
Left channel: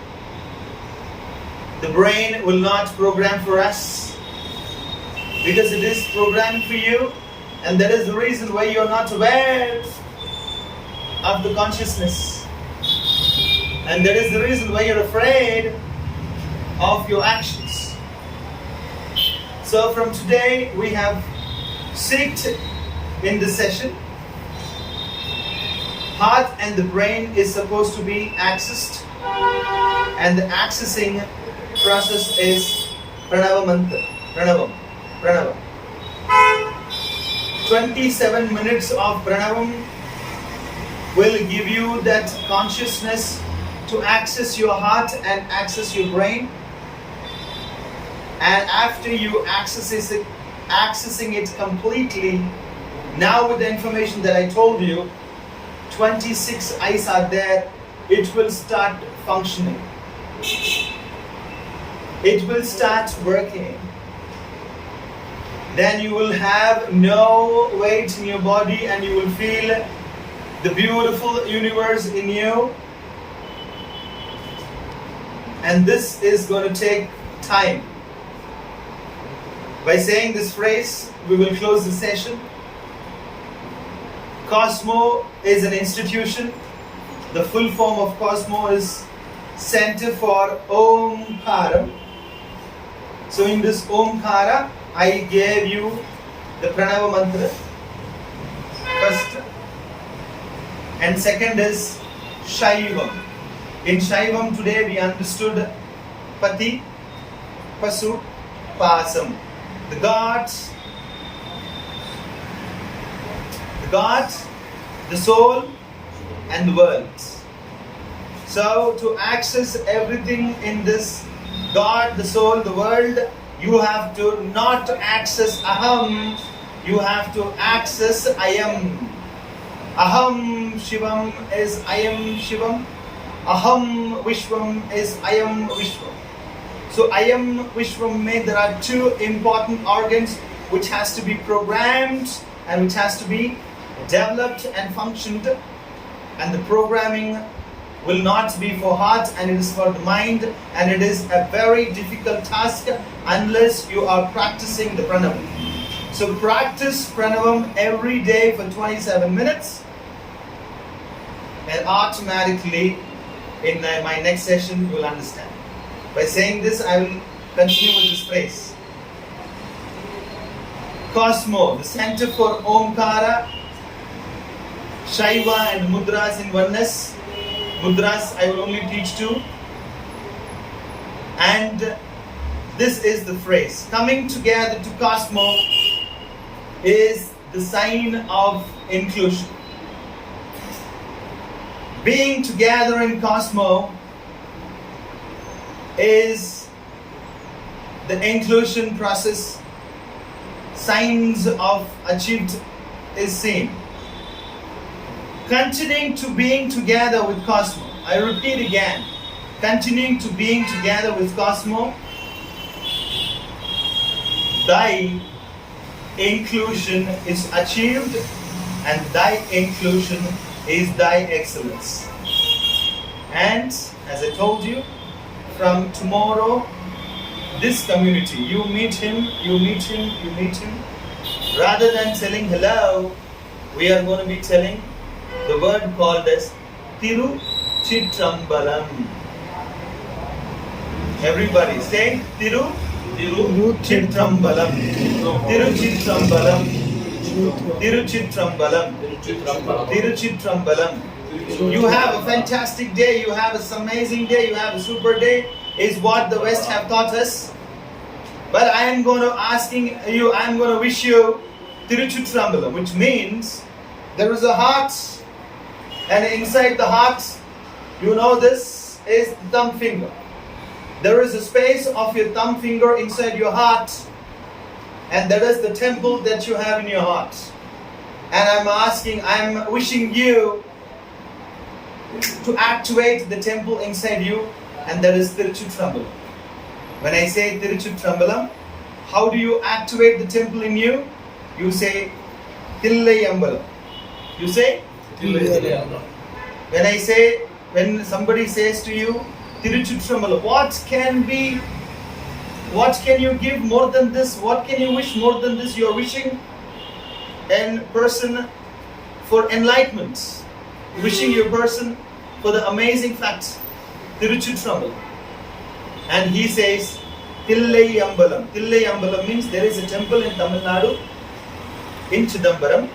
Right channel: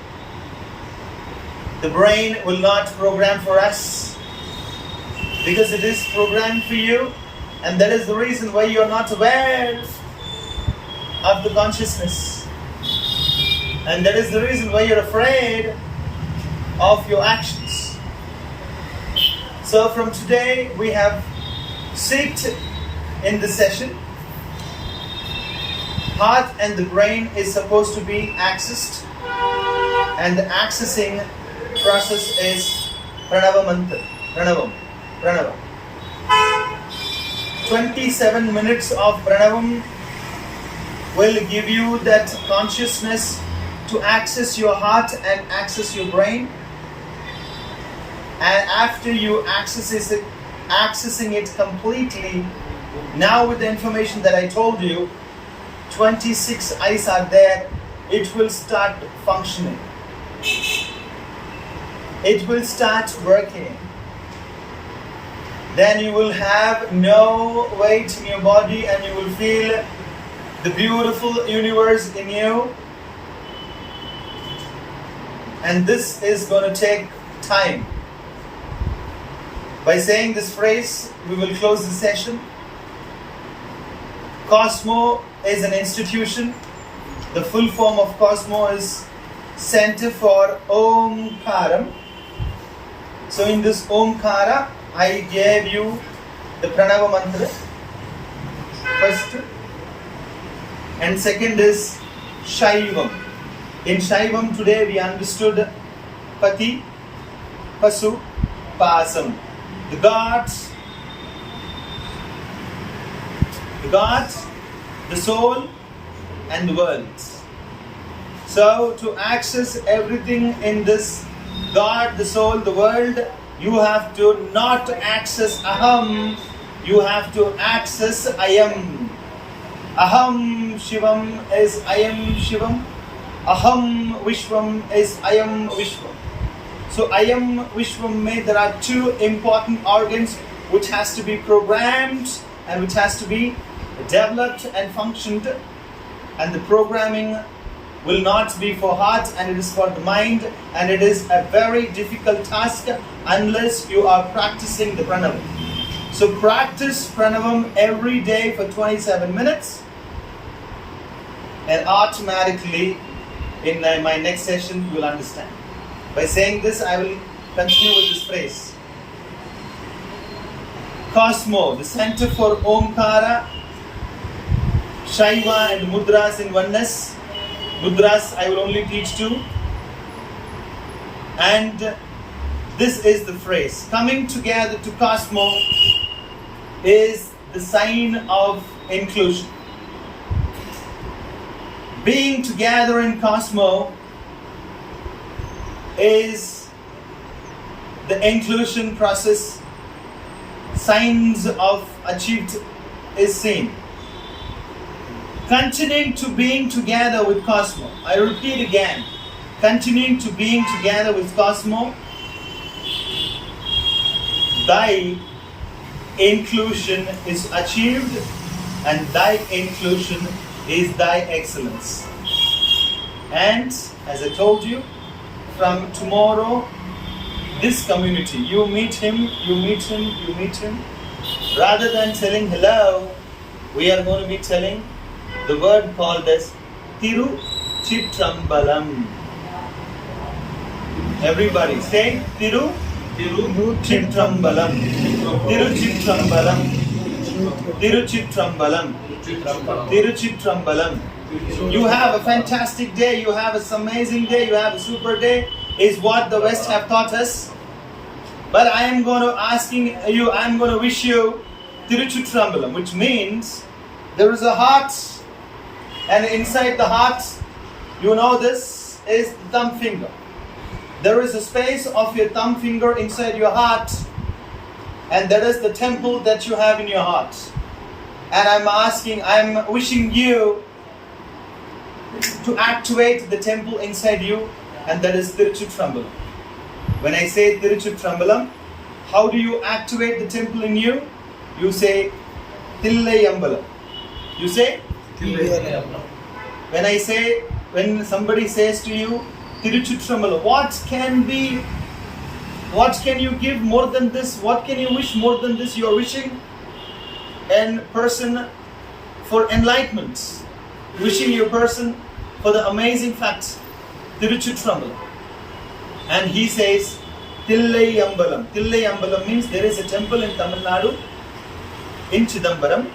The brain will not program for us, because it is programmed for you, and that is the reason why you are not aware of the consciousness, and that is the reason why you're afraid of your actions. So from today we have seeked in this session, heart and the brain is supposed to be accessed, and the accessing process is Pranava Mantra. Pranava. 27 minutes of Pranavam will give you that consciousness to access your heart and access your brain. And after you accessing it completely, now with the information that I told you, 26 eyes are there, it will start functioning. It will start working. Then you will have no weight in your body, and you will feel the beautiful universe in you. And this is going to take time. By saying this phrase, we will close the session. Cosmo is an institution. The full form of Cosmo is Center for Omkaram. So in this Omkara, I gave you the Pranava Mantra first. And second is Shaivam. In Shaivam today we understood Pati, Pasu, Pasam. The gods, the soul, and the world. So to access everything in this God, the soul, the world, you have to not access Aham, you have to access Ayam. Aham Shivam is Ayam Shivam. Aham Vishwam is Ayam Vishwam. So Ayam Vishwam mein there are 2 important organs which has to be programmed and which has to be developed and functioned, and the programming will not be for heart, and it is for the mind, and it is a very difficult task unless you are practicing the pranava. So practice Pranavam every day for 27 minutes, and automatically in my next session you will understand. By saying this, I will continue with this phrase. Cosmo, the center for Omkara, Shaiva and Mudras in oneness. Mudras I will only teach two. And this is the phrase. Coming together to Cosmo is the sign of inclusion. Being together in Cosmo is the inclusion process. Signs of achieved is seen. Continuing to being together with Cosmo. I repeat again. Continuing to being together with Cosmo. Thy inclusion is achieved, and thy inclusion is thy excellence. And as I told you, from tomorrow, this community, you meet him. Rather than telling hello, we are going to be telling the word called as Tiru Chitrambalam. Everybody say Tiru Chitrambalam. Tiru Chitrambalam. Tiru Chitrambalam. Tiru Chitrambalam. You have a fantastic day. You have an amazing day. You have a super day. Is what the West have taught us. But I am going to wish you Tiruchitrambalam, which means there is a heart, and inside the heart, you know this is the thumb finger. There is a space of your thumb finger inside your heart, and that is the temple that you have in your heart. And I'm wishing you to activate the temple inside you, and that is Tiruchitrambalam. When I say Tiruchitrambalam, how do you activate the temple in you? You say Tillayambalam. You say Tillayambalam. When somebody says to you Tiruchitrambalam, what can you give more than this? What can you wish more than this? You are wishing a person for enlightenment, wishing your person for the amazing fact. Tiruchitrambalam. And he says Tillayambalam. Tillayambalam means there is a temple in Tamil Nadu, in Chidambaram,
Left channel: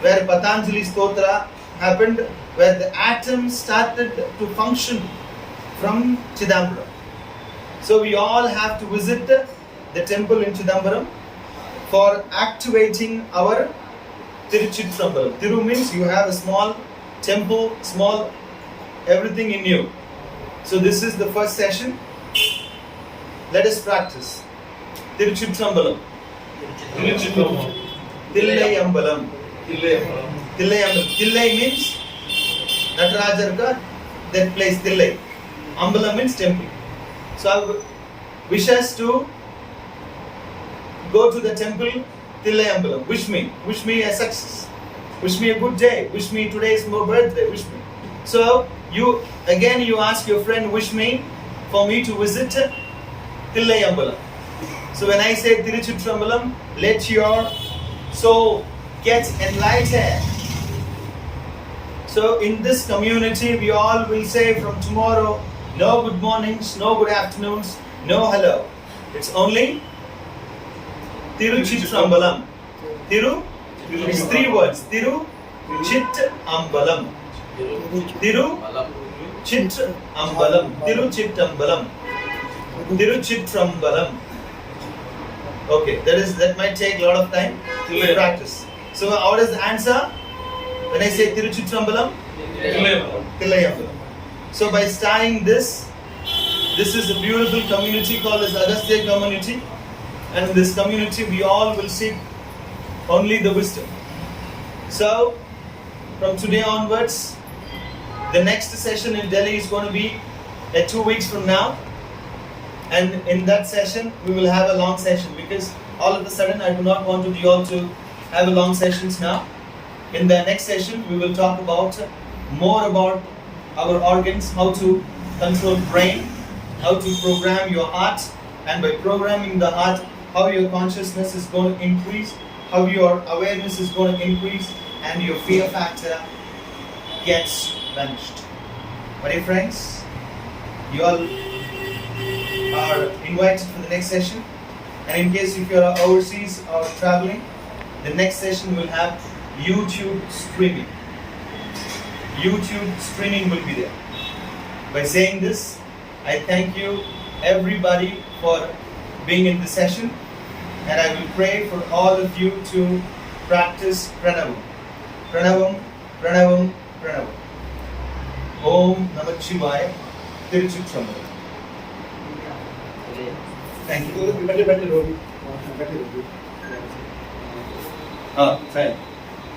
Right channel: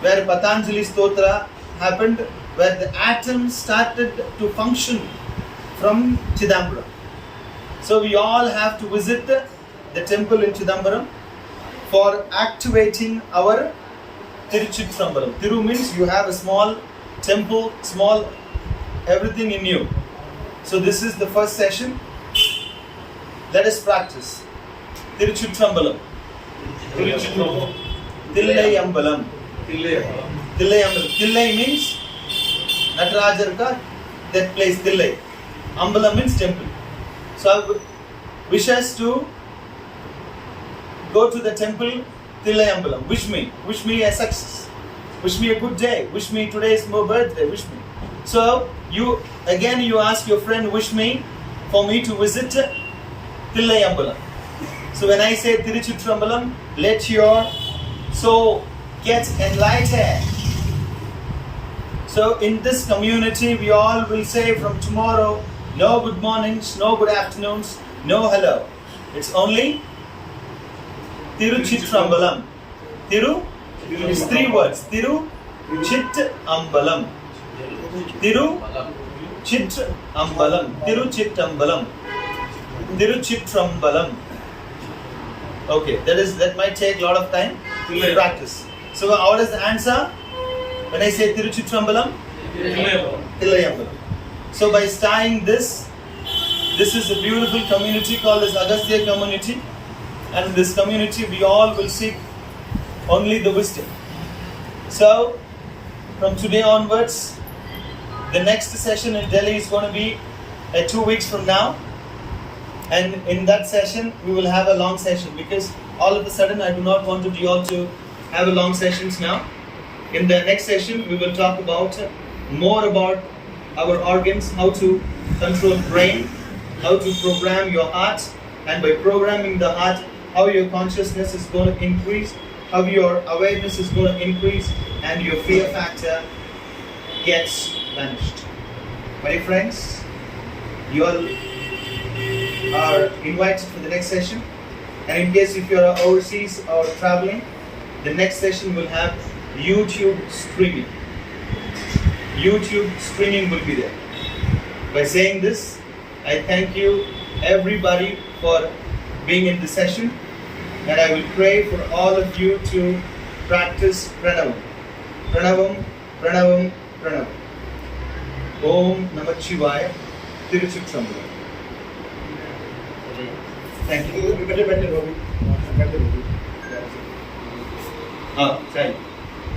where Patanjali Stotra happened, where the atom started to function from Chidambaram. So we all have to visit the temple in Chidambaram for activating our Tiruchitrambalam. Tiru means you have a small temple, small everything in you. So this is the first session. Let us practice. Tiruchitrambalam. Tillayambalam. Tillayambalam. Tillay means Natarajar ka that place Tillay. Ambalam means temple. So I wish us to go to the temple Tillayambalam. Wish me a success. Wish me a good day. Wish me today's my birthday. Wish me. So you ask your friend, wish me for me to visit Tillayambalam. So when I say Tiruchitrambalam, let your soul get enlightened. So in this community, we all will say from tomorrow, no good mornings, no good afternoons, no hello. It's only Tiruchitrambalam. Tiru, it's three words. Tiru Chit Ambalam. Tiru Chit Ambalam. Tiru Chit Ambalam. Tiruchitrambalam. Okay, that might take a lot of time to practice. So what is the answer? When I say Tiruchitrambalam? Tillayambalam. So by starting this is a beautiful community called as Agastya community. And in this community we all will seek only the wisdom. So from today onwards, the next session in Delhi is going to be 2 weeks from now. And in that session, we will have a long session, because all of a sudden I do not want you all to have a long sessions now. In the next session, we will talk more about our organs, how to control brain, how to program your heart, and by programming the heart, how your consciousness is going to increase, how your awareness is going to increase, and your fear factor gets vanished. My dear friends, you all are invited for the next session. And in case if you are overseas or traveling, the next session will have YouTube streaming. YouTube streaming will be there. By saying this, I thank you everybody for being in the session, and I will pray for all of you to practice Pranavam. Pranavam, Pranavam, Pranavam. Om Namah Shivaya. Tiruchitrambalam. Thank you. Fine.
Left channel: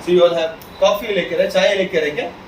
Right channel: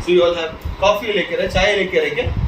So you all have coffee लेकर है, चाय लेकर है क्या?